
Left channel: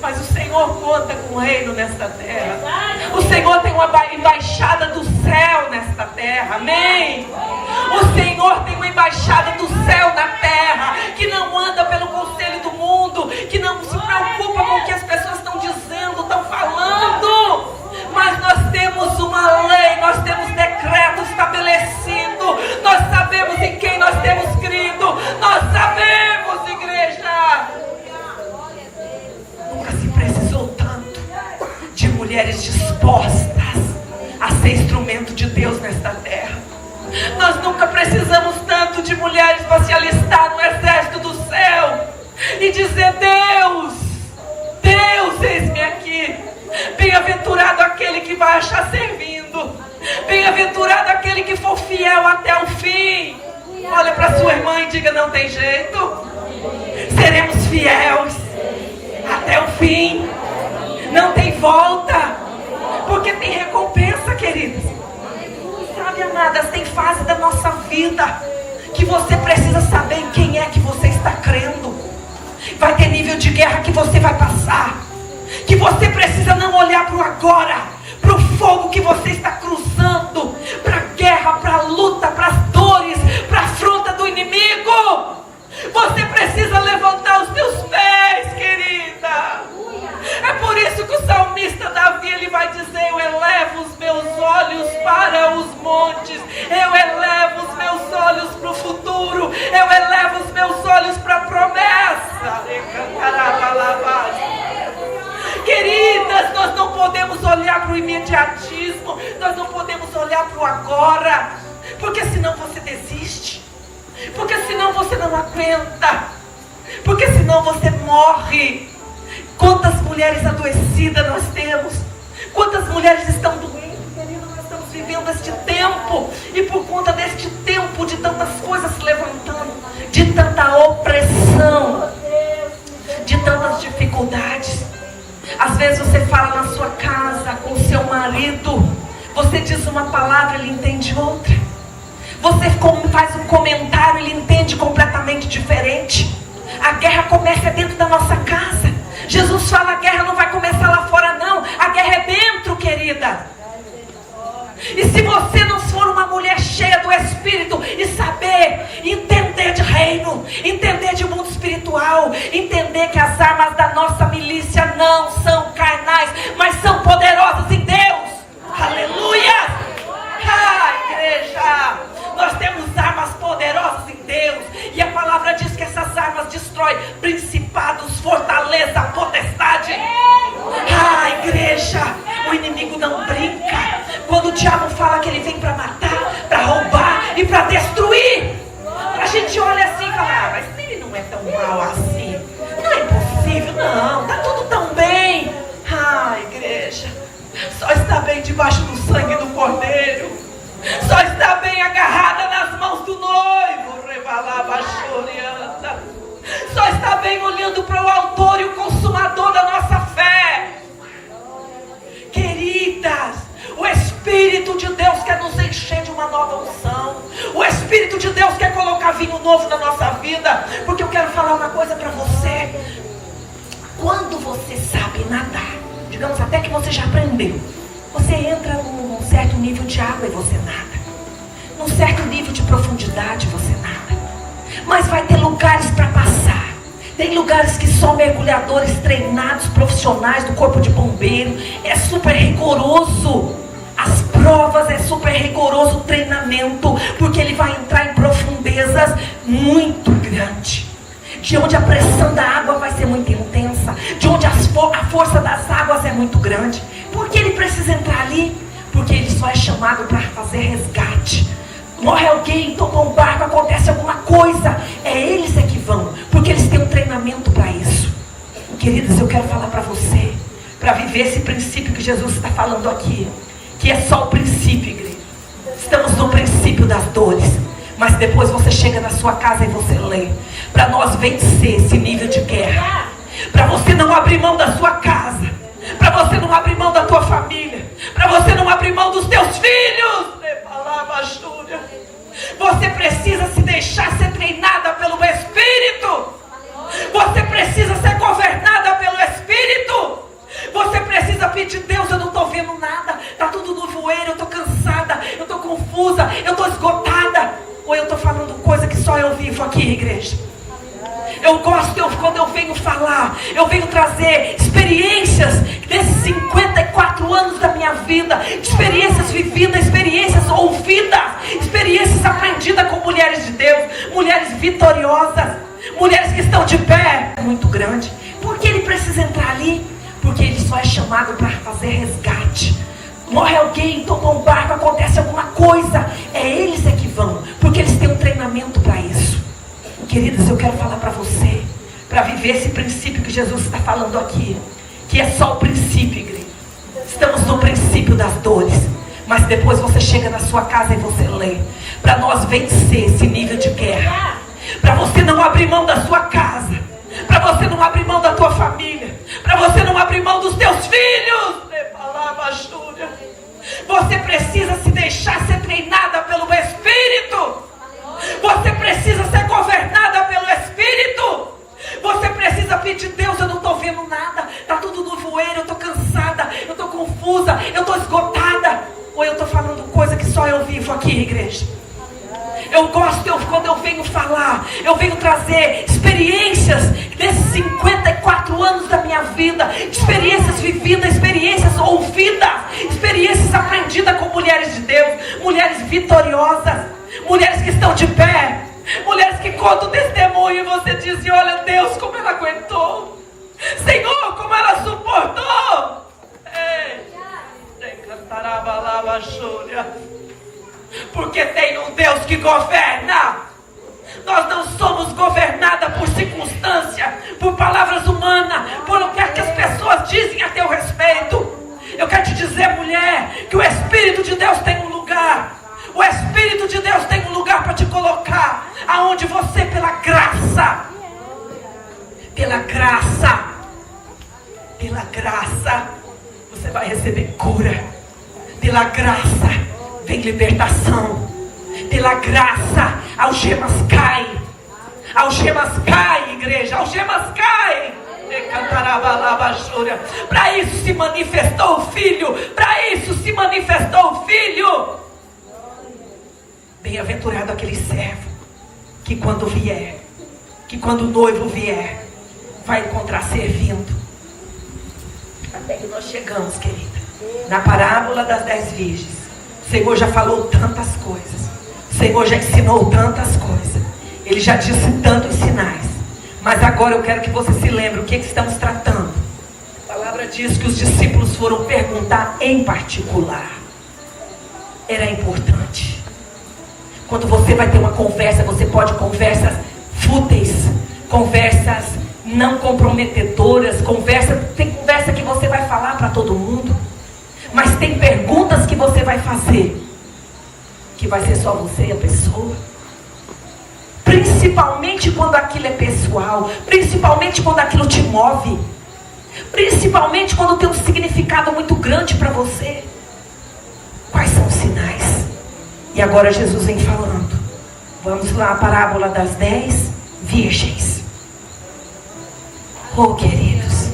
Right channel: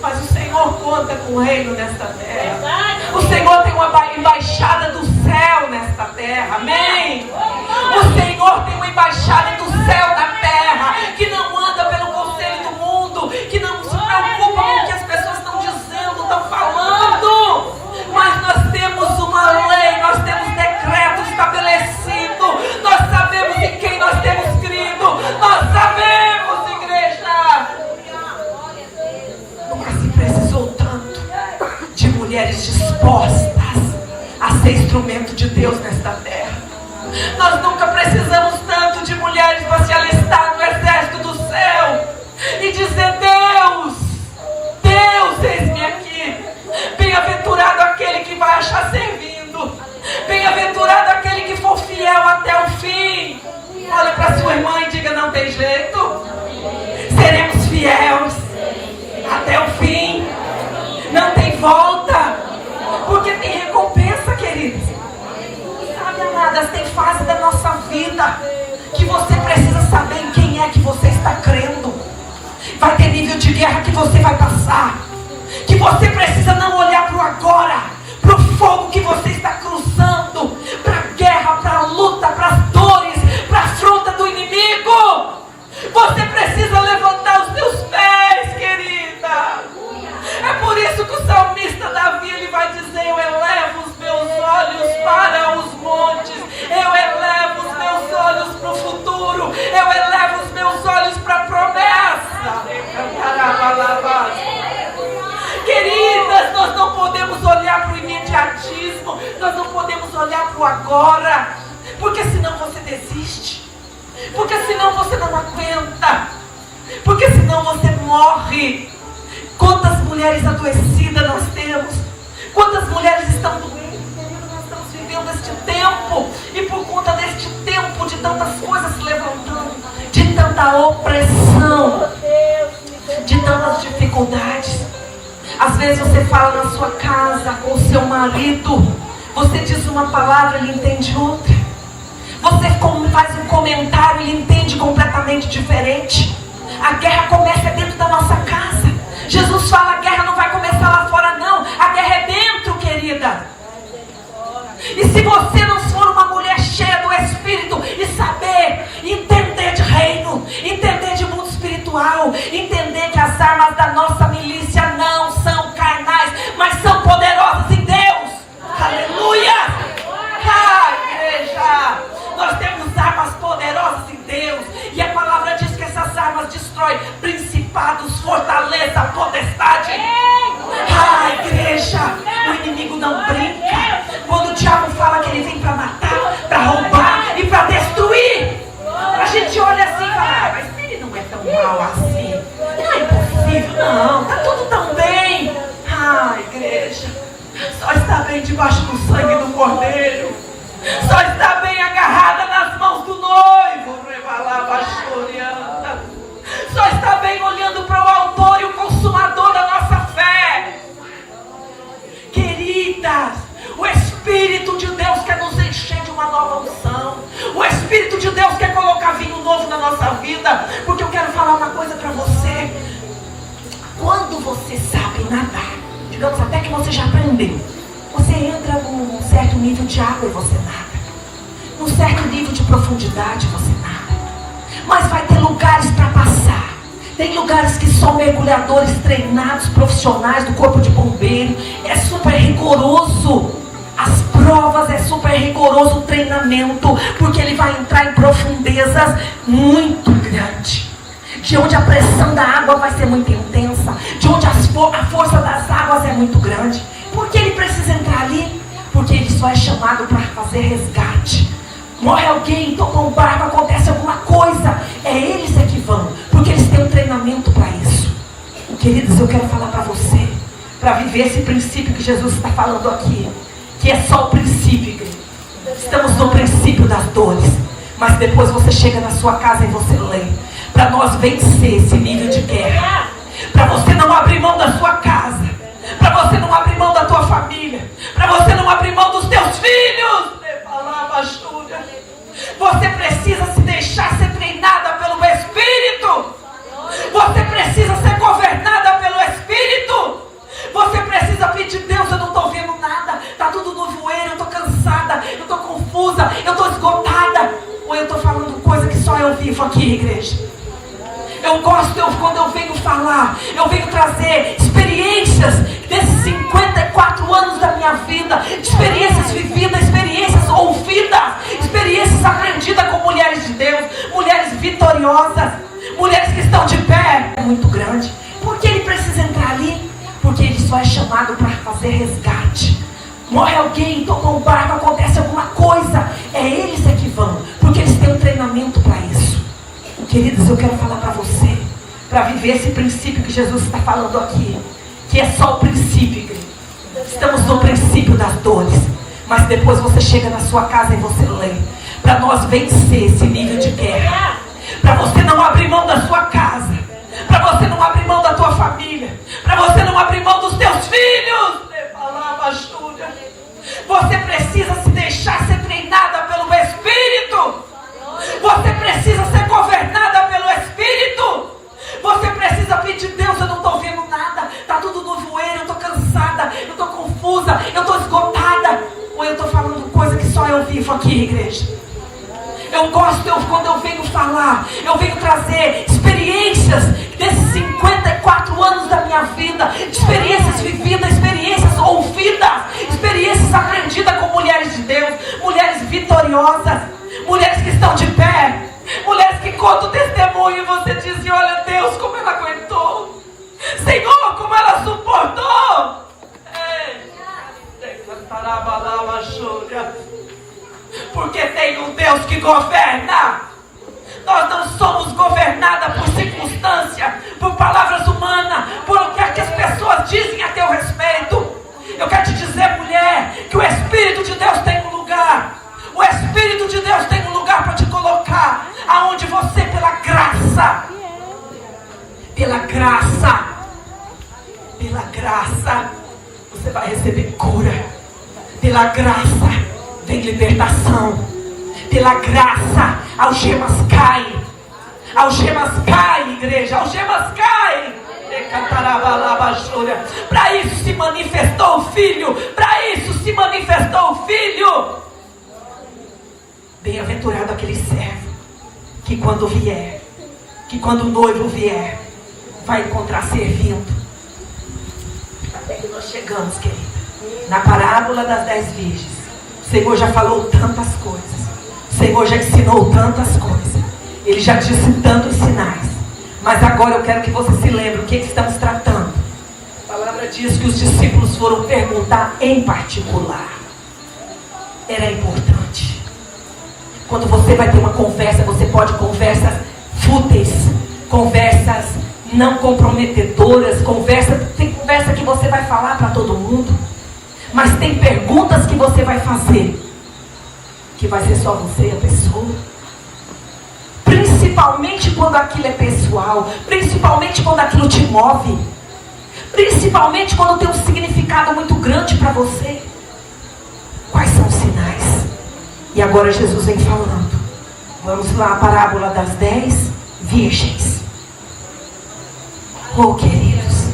Mas o Senhor conta com o reino nesta terra. O Senhor tem uma embaixada do céu nesta terra. Amém? O Senhor tem uma embaixada do céu na terra, que não anda pelo conselho do mundo, que não se preocupa com o que as pessoas estão dizendo, estão falando. Mas nós temos uma lei, nós temos decreto estabelecido. Nós sabemos em quem nós temos crido. Nós sabemos, igreja. Nunca se precisou tanto de mulheres dispostas a ser instrumento de Deus nesta terra. Nós nunca precisamos tanto de mulheres para se alistar no exército do céu e dizer, Deus, eis-me aqui. Bem-aventurado aquele que vai achar servindo. Bem-aventurado aquele que for fiel até o fim. nível de guerra que você vai passar, que você precisa não olhar para o agora, para o fogo que você está cruzando, para a guerra, para a luta, para as dores, para a afronta do inimigo. Você precisa levantar os seus pés, querida. É por isso que o salmista Davi, ele vai dizer: eu elevo os meus olhos para os montes, eu elevo os meus olhos para o futuro, eu elevo os meus olhos para a promessa. Queridas, nós não podemos olhar para o imediatismo, nós não podemos olhar para o agora, porque senão você desiste, porque senão você não aguenta, porque senão você morre. Quantas mulheres adoecidas nós temos, quantas mulheres estão doentes, querido. Nós estamos vivendo este tempo, e por conta deste tempo de tantas coisas se levantando, de tanta opressão, de tantas dificuldades. Às vezes você fala na sua casa com o seu marido, você diz uma palavra, ele entende outra. Você faz um comentário, ele entende completamente diferente. A guerra começa dentro da nossa casa. Jesus fala: a guerra não vai começar lá fora não, a guerra é dentro, querida. E se você não for uma mulher cheia do Espírito e saber entender de reino, entender de mundo espiritual, entender que as armas da nossa milícia não são carnais, mas são poderosas em Deus. Aleluia! Igreja, nós temos armas poderosas em Deus, e a palavra diz que essas armas destroem principados, fortaleza, potestade. Igreja, o inimigo não brinca. Quando o diabo fala que ele vem para matar, para roubar e para destruir, a gente olha assim e fala: mas ele não é tão mal assim, não é possível, não, tá tudo tão bem. Igreja, só está bem debaixo do sangue do Cordeiro, só está bem agarrada nas mãos do noivo, só está bem olhando para o autor e o consumador da nossa fé. Queridas, o Espírito de Deus quer nos encher de uma nova unção, o Espírito de Deus quer colocar vinho novo na nossa vida. Porque eu quero falar uma coisa para você: quando você sabe nadar, digamos até que você já aprendeu, você entra num certo nível de água e você nada, num certo nível de profundidade você nada, mas vai ter lugares para passar. Tem lugares que só mergulhadores treinados, profissionais do corpo de bombeiro. É super rigoroso as provas, é super rigoroso o treinamento, porque ele vai entrar em profundezas muito grandes, de onde a pressão da água vai ser muito intensa, de onde a força das águas é muito grande. Por que ele precisa entrar ali? Porque ele só é chamado para fazer resgate. Morre alguém, tocou um barco, acontece alguma coisa, é eles que vão, porque eles têm um treinamento para isso. Queridos, eu quero falar para você, para viver esse princípio que Jesus está falando aqui, que é só o princípio, igreja. Estamos no princípio das dores, mas depois você chega na sua casa e você lê, para nós vencer esse nível de guerra, para você não abrir mão da sua casa, para você não abrir mão da tua família, para você não abrir mão dos teus filhos. Você precisa se deixar ser treinada pelo Espírito. Você precisa ser governada pelo Espírito. Você precisa pedir: Deus, eu não estou vendo nada, está tudo no voeiro, eu estou cansada, eu estou confusa, eu estou esgotada. Ou eu estou falando coisa que só eu vivo aqui, igreja. Eu gosto, quando eu venho falar, eu venho trazer experiências desses 54 anos da minha vida, experiências vividas, experiências ouvidas, experiências aprendidas com mulheres de Deus, mulheres vitoriosas, mulheres que estão de pé. É muito grande. Por que ele precisa entrar ali? Porque ele só é chamado para fazer resgate. Morre alguém, tocou um barco, acontece alguma coisa, é eles que vão, porque eles têm um treinamento para isso. Queridos, eu quero falar para você, para viver esse princípio que Jesus está falando aqui, que é só o princípio, igreja. Estamos no princípio das dores, mas depois você chega na sua casa e você lê, para nós vencer esse nível de guerra, para você não abrir mão da sua casa, para você não abrir mão da tua família, para você não abrir mão dos teus filhos. Você precisa se deixar ser treinada pelo Espírito. Você precisa ser governada pelo Espírito. Você precisa pedir: Deus, aqui, igreja. Eu gosto, quando eu venho falar, eu venho trazer experiências desses 54 anos da minha vida, experiências vividas, experiências ouvidas, experiências aprendidas com mulheres de Deus, mulheres vitoriosas, mulheres que estão de pé, mulheres que contam testemunho e você diz, olha Deus, como ela aguentou, Senhor, como ela suportou. Porque tem um Deus que governa. Nós não somos governadas por circunstância, por palavras humanas, por o que as pessoas dizem a teu respeito. Eu quero te dizer, mulher, que o Espírito de Deus tem um lugar. O Espírito de Deus tem um lugar para te colocar, aonde você, pela graça, você vai receber cura. Pela graça vem libertação. Pela graça, algemas caem. Algemas caem, igreja. Algemas caem. Para isso se manifestou o Filho. Para isso se manifestou o Filho. Bem-aventurado aquele servo que quando vier, que quando o noivo vier, vai encontrar servindo. Até que nós chegamos, querida, na parábola das 10 virgens. O Senhor já falou tantas coisas. O Senhor já ensinou tantas coisas. Ele já disse tantos sinais. Mas agora eu quero que você se lembre o que estamos tratando. A palavra diz que os discípulos foram perguntar em particular. Era importante. Quando você vai ter uma conversa, você pode conversas fúteis, conversas não comprometedoras, tem conversa que você vai falar para todo mundo. Mas tem perguntas que você vai fazer, que vai ser só você e a pessoa. Principalmente quando aquilo é pessoal. Principalmente quando aquilo te move. Principalmente quando tem um significado muito grande para você. Quais são os sinais? E agora Jesus vem falando. Vamos lá, a parábola das 10 virgens. Oh, queridos,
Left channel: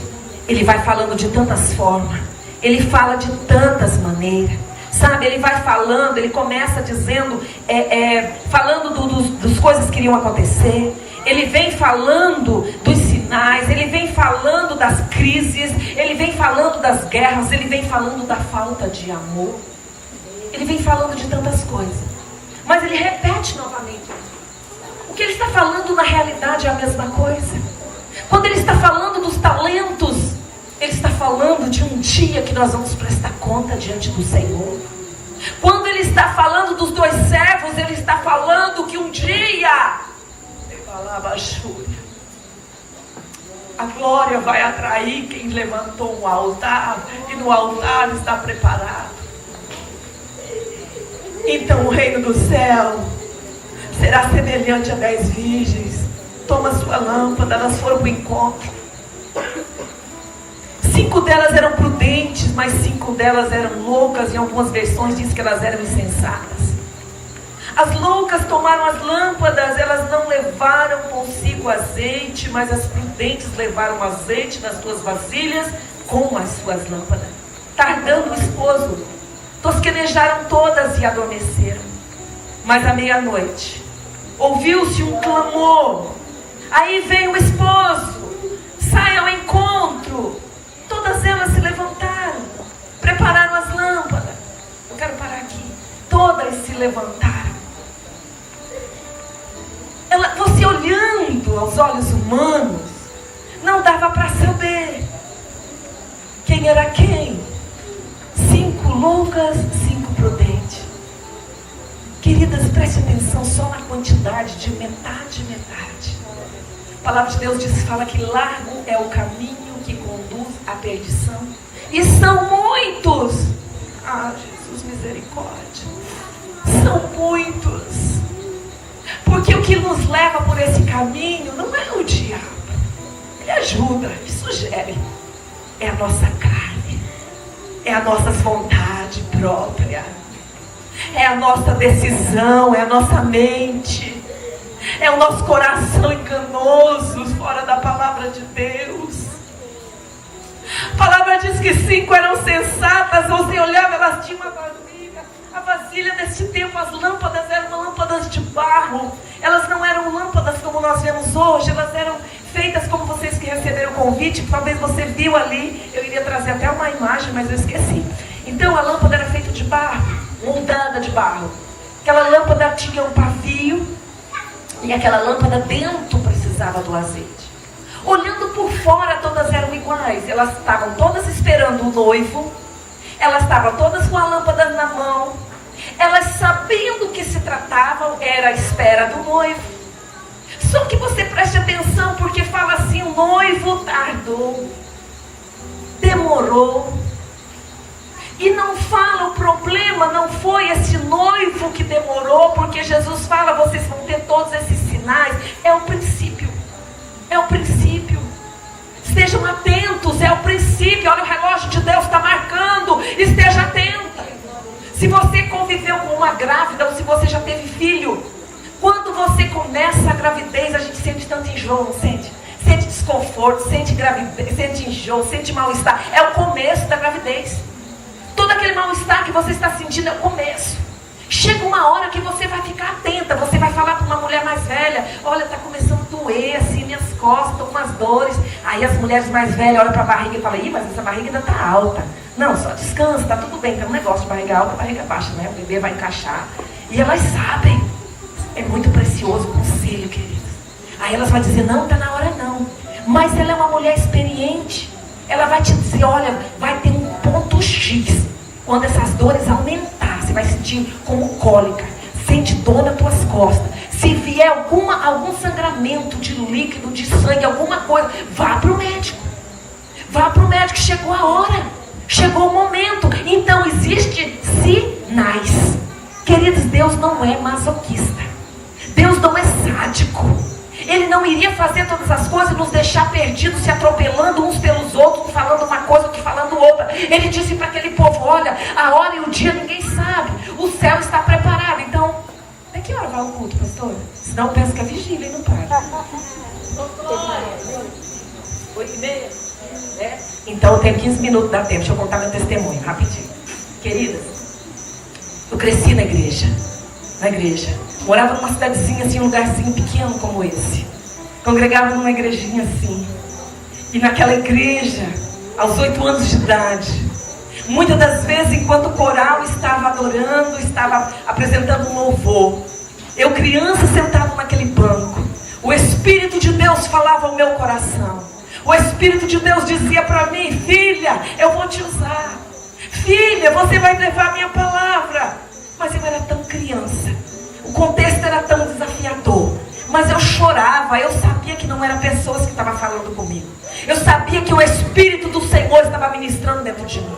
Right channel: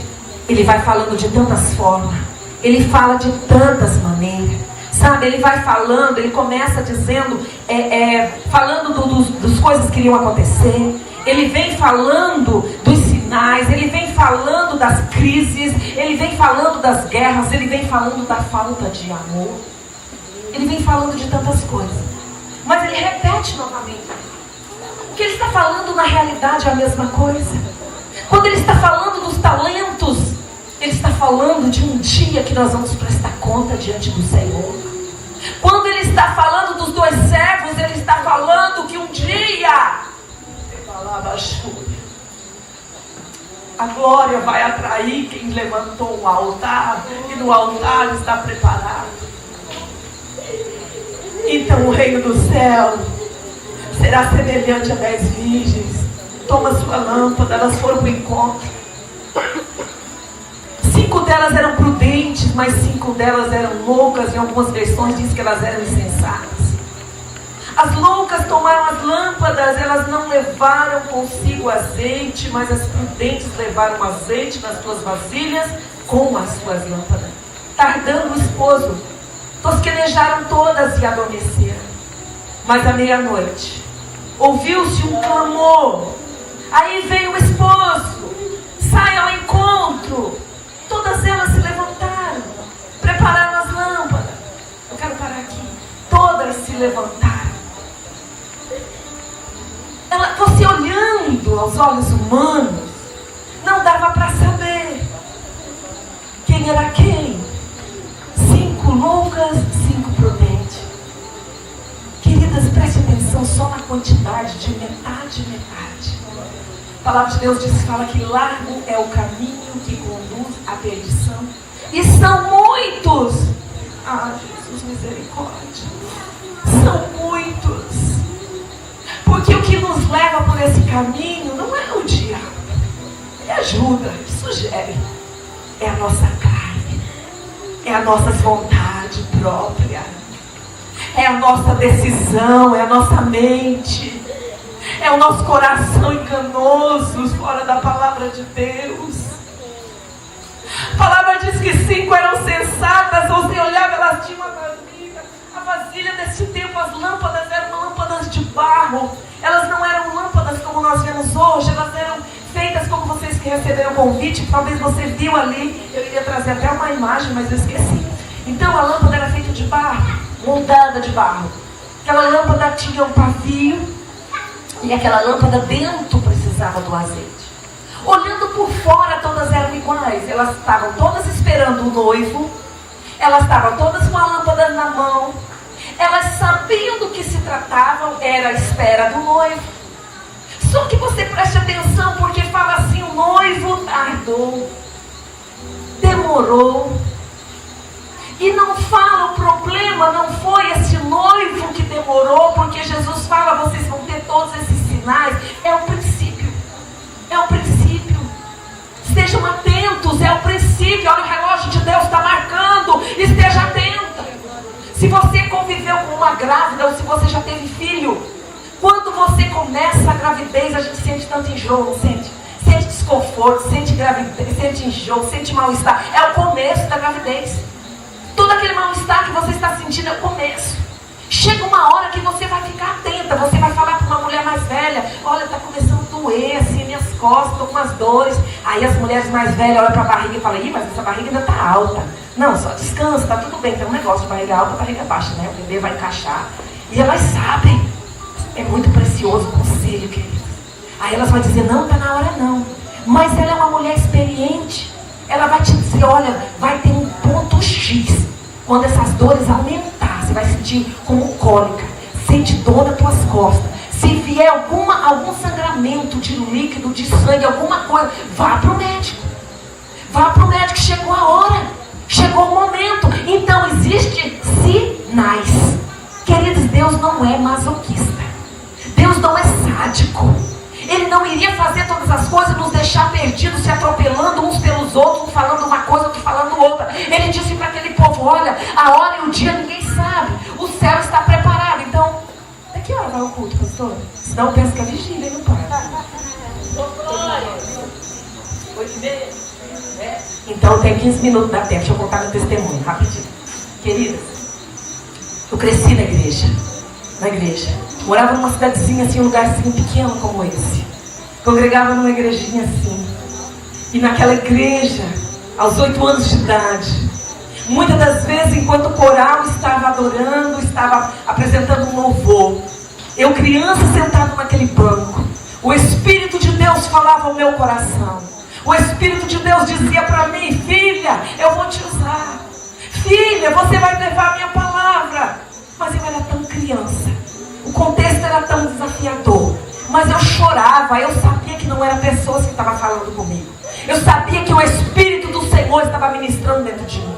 ele vai falando de tantas formas. Ele fala de tantas maneiras. Sabe, ele vai falando, ele começa dizendo, falando das coisas que iriam acontecer. Ele vem falando dos sinais, ele vem falando das crises, ele vem falando das guerras, ele vem falando da falta de amor. Ele vem falando de tantas coisas. Mas ele repete novamente. O que ele está falando na realidade é a mesma coisa. Quando ele está falando dos talentos, ele está falando de um dia que nós vamos prestar conta diante do Senhor. Quando ele está falando dos 2 servos, ele está falando que um dia a glória vai atrair quem levantou um altar, e no altar está preparado. Então o reino do céu será semelhante a 10 virgens. Toma sua lâmpada, elas foram para o encontro. 5 delas eram prudentes, mas 5 delas eram loucas. Em algumas versões diz que elas eram insensatas. As loucas tomaram as lâmpadas, elas não levaram consigo azeite, mas as prudentes levaram azeite nas suas vasilhas com as suas lâmpadas. Tardando o esposo, tosquenejaram todas e adormeceram. Mas à meia-noite ouviu-se um clamor. Aí veio o esposo, sai ao encontro. Todas elas se levantaram, prepararam as lâmpadas. Eu quero parar aqui. Todas se levantaram. Você olhando aos olhos humanos, não dava para saber quem era quem. 5 loucas, 5 prudentes. Queridas, preste atenção só na quantidade de metade. A palavra de Deus fala que largo é o caminho que conduz à perdição. E são muitos. Ah, Jesus, misericórdia. São muitos. Porque o que nos leva por esse caminho não é o diabo. Ele ajuda, ele sugere. É a nossa carne. É a nossa vontade própria. É a nossa decisão, é a nossa mente. É o nosso coração enganoso, fora da palavra de Deus. A palavra diz que 5 eram sensatas. Você olhava, elas tinham a vasilha desse tempo, as receberam o convite, talvez você viu ali, eu iria trazer até uma imagem, mas eu esqueci. Então a lâmpada era feita de barro, moldada de barro. Aquela lâmpada tinha um pavio, e aquela lâmpada dentro precisava do azeite. Olhando por fora, todas eram iguais. Elas estavam todas esperando o noivo, elas estavam todas com a lâmpada na mão, elas sabiam do que se tratavam, era a espera do noivo. Só que você preste atenção, porque fala assim: o noivo tardou, demorou. E não fala, o problema não foi esse noivo que demorou, porque Jesus fala: vocês vão ter todos esses sinais. É o princípio. É o princípio. Estejam atentos, é o princípio. Olha, o relógio de Deus está marcando. Esteja atenta. Se você conviveu com uma grávida, ou se você já teve filho, quando você começa a gravidez, a gente sente tanto enjoo, não sente? Sente desconforto, sente gravidez, sente enjoo, sente mal-estar. É o começo da gravidez. Todo aquele mal-estar que você está sentindo é o começo. Chega uma hora que você vai ficar atenta. Você vai falar para uma mulher mais velha: olha, está começando a doer assim, minhas costas, estão com umas dores. Aí as mulheres mais velhas olham para a barriga e falam: ih, mas essa barriga ainda está alta. Não, só descansa, está tudo bem. Tem um negócio de barriga alta, barriga baixa, né? O bebê vai encaixar. E elas sabem. É muito precioso o conselho, queridos. Aí elas vão dizer: não, está na hora não. Mas ela é uma mulher experiente. Ela vai te dizer: olha, vai ter um ponto X. Quando essas dores aumentar, você vai sentir como cólica, sente dor nas tuas costas. Se vier algum sangramento de líquido, de sangue, alguma coisa, vá para o médico. Vá para o médico, chegou a hora. Chegou o momento. Então existem sinais. Queridos, Deus não é masoquista. Deus não é sádico. Ele não iria fazer todas as coisas, nos deixar perdidos, se atropelando uns pelos outros, um falando uma coisa, outro falando outra. Ele disse para aquele povo: olha, a hora e o dia ninguém sabe. O céu está preparado. Então, a que hora vai o culto, pastor? Senão pensa que é vigília, não para. 8h30? É? Então tem 15 minutos, dá tempo. Deixa eu contar meu testemunho, rapidinho. Queridas, eu cresci na igreja. Morava numa cidadezinha assim, um lugarzinho pequeno como esse. Congregava numa igrejinha assim. E naquela igreja, aos 8 anos de idade, muitas das vezes, enquanto o coral estava adorando, estava apresentando um louvor, eu, criança, sentado naquele banco, o Espírito de Deus falava ao meu coração. O Espírito de Deus dizia para mim: filha, eu vou te usar. Filha, você vai levar a minha palavra. Mas eu era tão criança. O contexto era tão desafiador. Mas eu chorava. Eu sabia que não era pessoas que estavam falando comigo. Eu sabia que o Espírito do Senhor estava ministrando dentro de mim.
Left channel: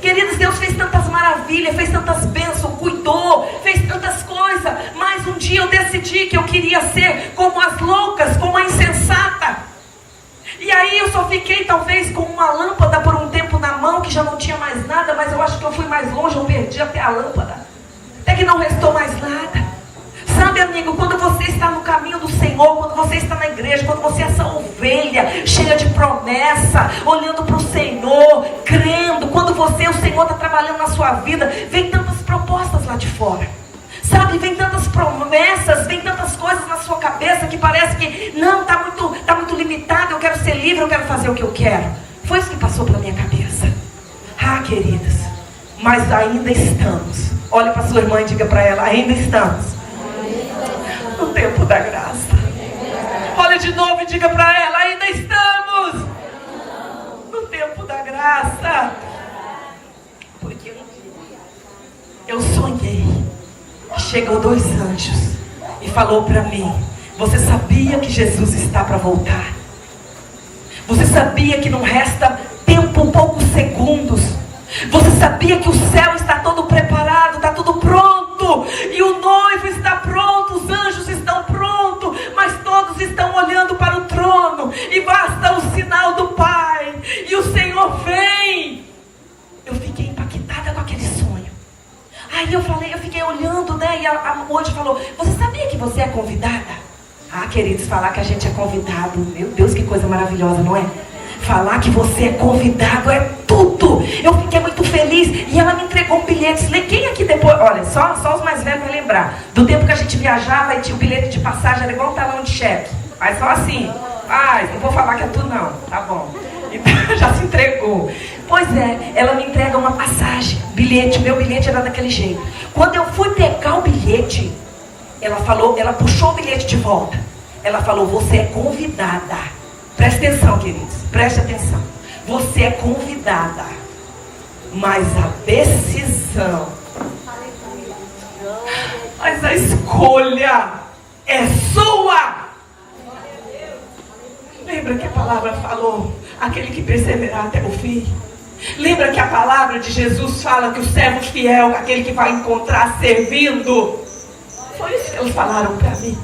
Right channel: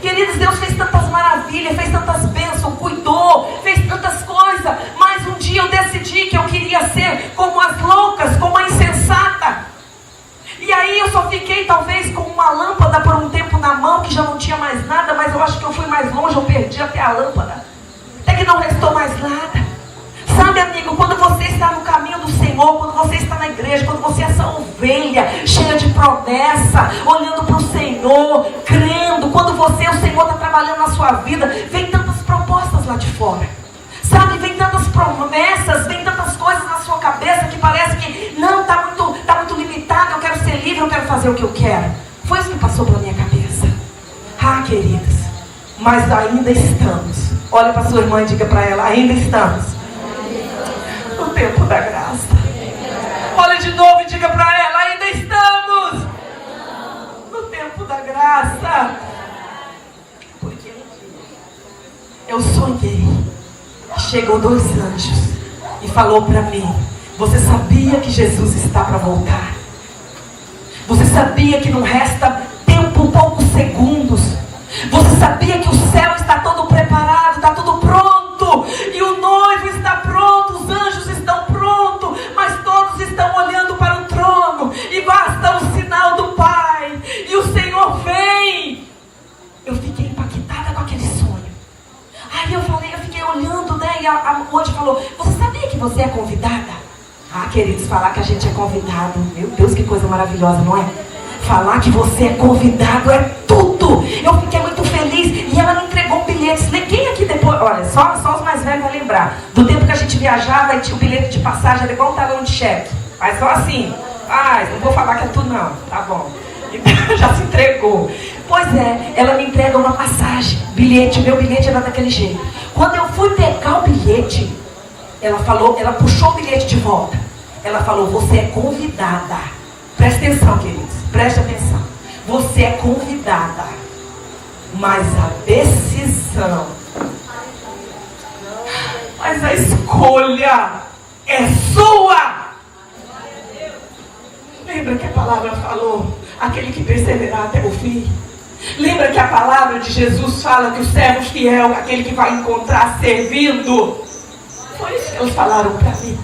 Queridos, Deus fez tantas maravilhas, fez tantas bênçãos, cuidou, fez tantas coisas. Mas um dia eu decidi que eu queria ser como as loucas, como a insensata. E aí eu só fiquei talvez com uma lâmpada por um tempo na mão, que já não tinha mais nada. Mas eu acho que eu fui mais longe, eu perdi até a lâmpada. Até que não restou mais nada. Sabe, amigo, quando você está no caminho do Senhor, quando você está na igreja, quando você é essa ovelha cheia de promessa, olhando para o Senhor, crendo, quando o Senhor está trabalhando na sua vida, vem tantas propostas lá de fora. Sabe, vem tantas promessas, vem tantas coisas na sua cabeça que parece que não, está muito limitado, eu quero ser livre, eu quero fazer o que eu quero. Foi isso que passou pela minha cabeça. Ah, queridos, mas ainda estamos. Olha para sua irmã e diga para ela: ainda estamos no tempo da graça. Olha de novo e diga para ela: ainda estamos no tempo da graça. Porque eu sonhei. Chegou 2 anjos e falou para mim: você sabia que Jesus está para voltar? Você sabia que não resta tempo, poucos segundos? Você sabia que o céu está todo preparado, está tudo pronto, e o noivo está pronto, os anjos estão prontos, mas todos estão olhando para o trono, e basta o sinal do Pai, e o Senhor vem. Eu fiquei impactada com aquele sonho. Aí eu fiquei olhando, né? E a anjo falou: você sabia que você é convidada? Ah, queridos, falar que a gente é convidado, meu Deus, que coisa maravilhosa, não é? Falar que você é convidado é tudo. Eu fiquei muito feliz. E ela me entregou um bilhete. Quem aqui depois, olha, só os mais velhos vão lembrar do tempo que a gente viajava e tinha o bilhete de passagem, era igual um talão de cheque. Mas só assim, Rapaz, não vou falar que é tu não, tá bom. Então, já se entregou. Pois é, ela me entrega uma passagem, bilhete, meu bilhete era daquele jeito. Quando eu fui pegar o bilhete, ela puxou o bilhete de volta. Ela falou, você é convidada. Presta atenção, queridos, presta atenção. Você é convidada, mas a decisão, mas a escolha é sua. Lembra que a palavra falou, aquele que perseverar até o fim? Lembra que a palavra de Jesus fala que o servo fiel, aquele que vai encontrar servindo? Foi isso que eles falaram para mim.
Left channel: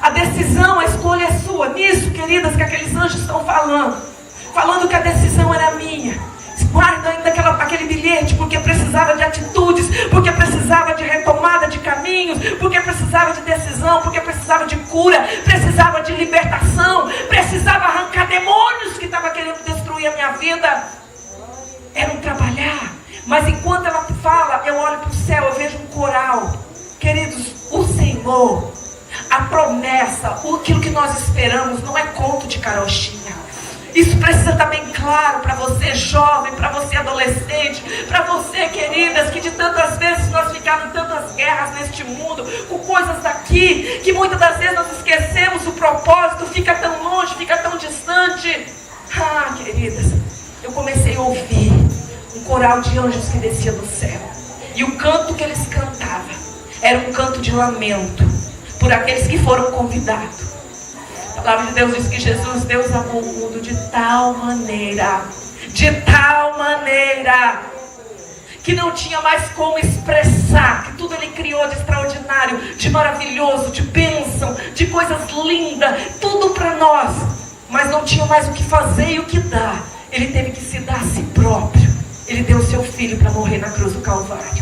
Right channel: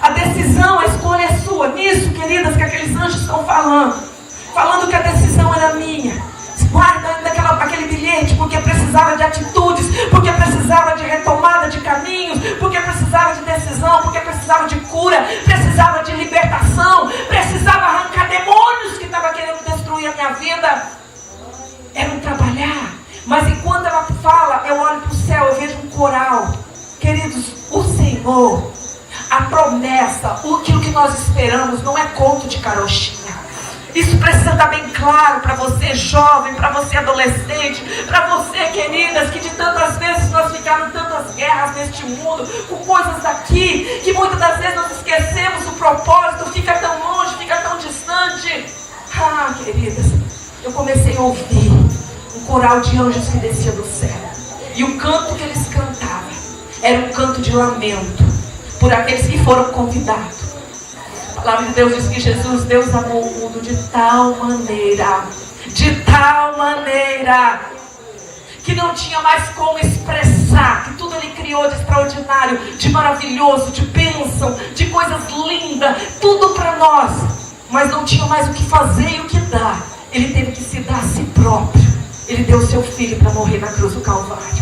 A decisão, a escolha é sua. Nisso, queridas, que aqueles anjos estão falando que a decisão era minha. Guardando aquele bilhete, porque precisava de atitudes, porque precisava de retomada de caminhos, porque precisava de decisão, porque precisava de cura, precisava de libertação, precisava arrancar demônios que estavam querendo destruir a minha vida. Era um trabalhar. Mas enquanto ela fala, eu olho para o céu, eu vejo um coral. Queridos, o Senhor, a promessa, aquilo que nós esperamos, não é conto de carochinha. Isso precisa estar bem claro para você jovem, para você adolescente, para você, queridas, que de tantas vezes nós ficamos em tantas guerras neste mundo, com coisas daqui, que muitas das vezes nós esquecemos o propósito, fica tão longe, fica tão distante. Ah, queridas, eu comecei a ouvir um coral de anjos que descia do céu. E o canto que eles cantavam era um canto de lamento por aqueles que foram convidados. A palavra de Deus diz que Deus amou o mundo de tal maneira, que não tinha mais como expressar, que tudo Ele criou de extraordinário, de maravilhoso, de bênção, de coisas lindas, tudo para nós, mas não tinha mais o que fazer e o que dar. Ele teve que se dar a si próprio. Ele deu o seu filho para morrer na cruz do Calvário.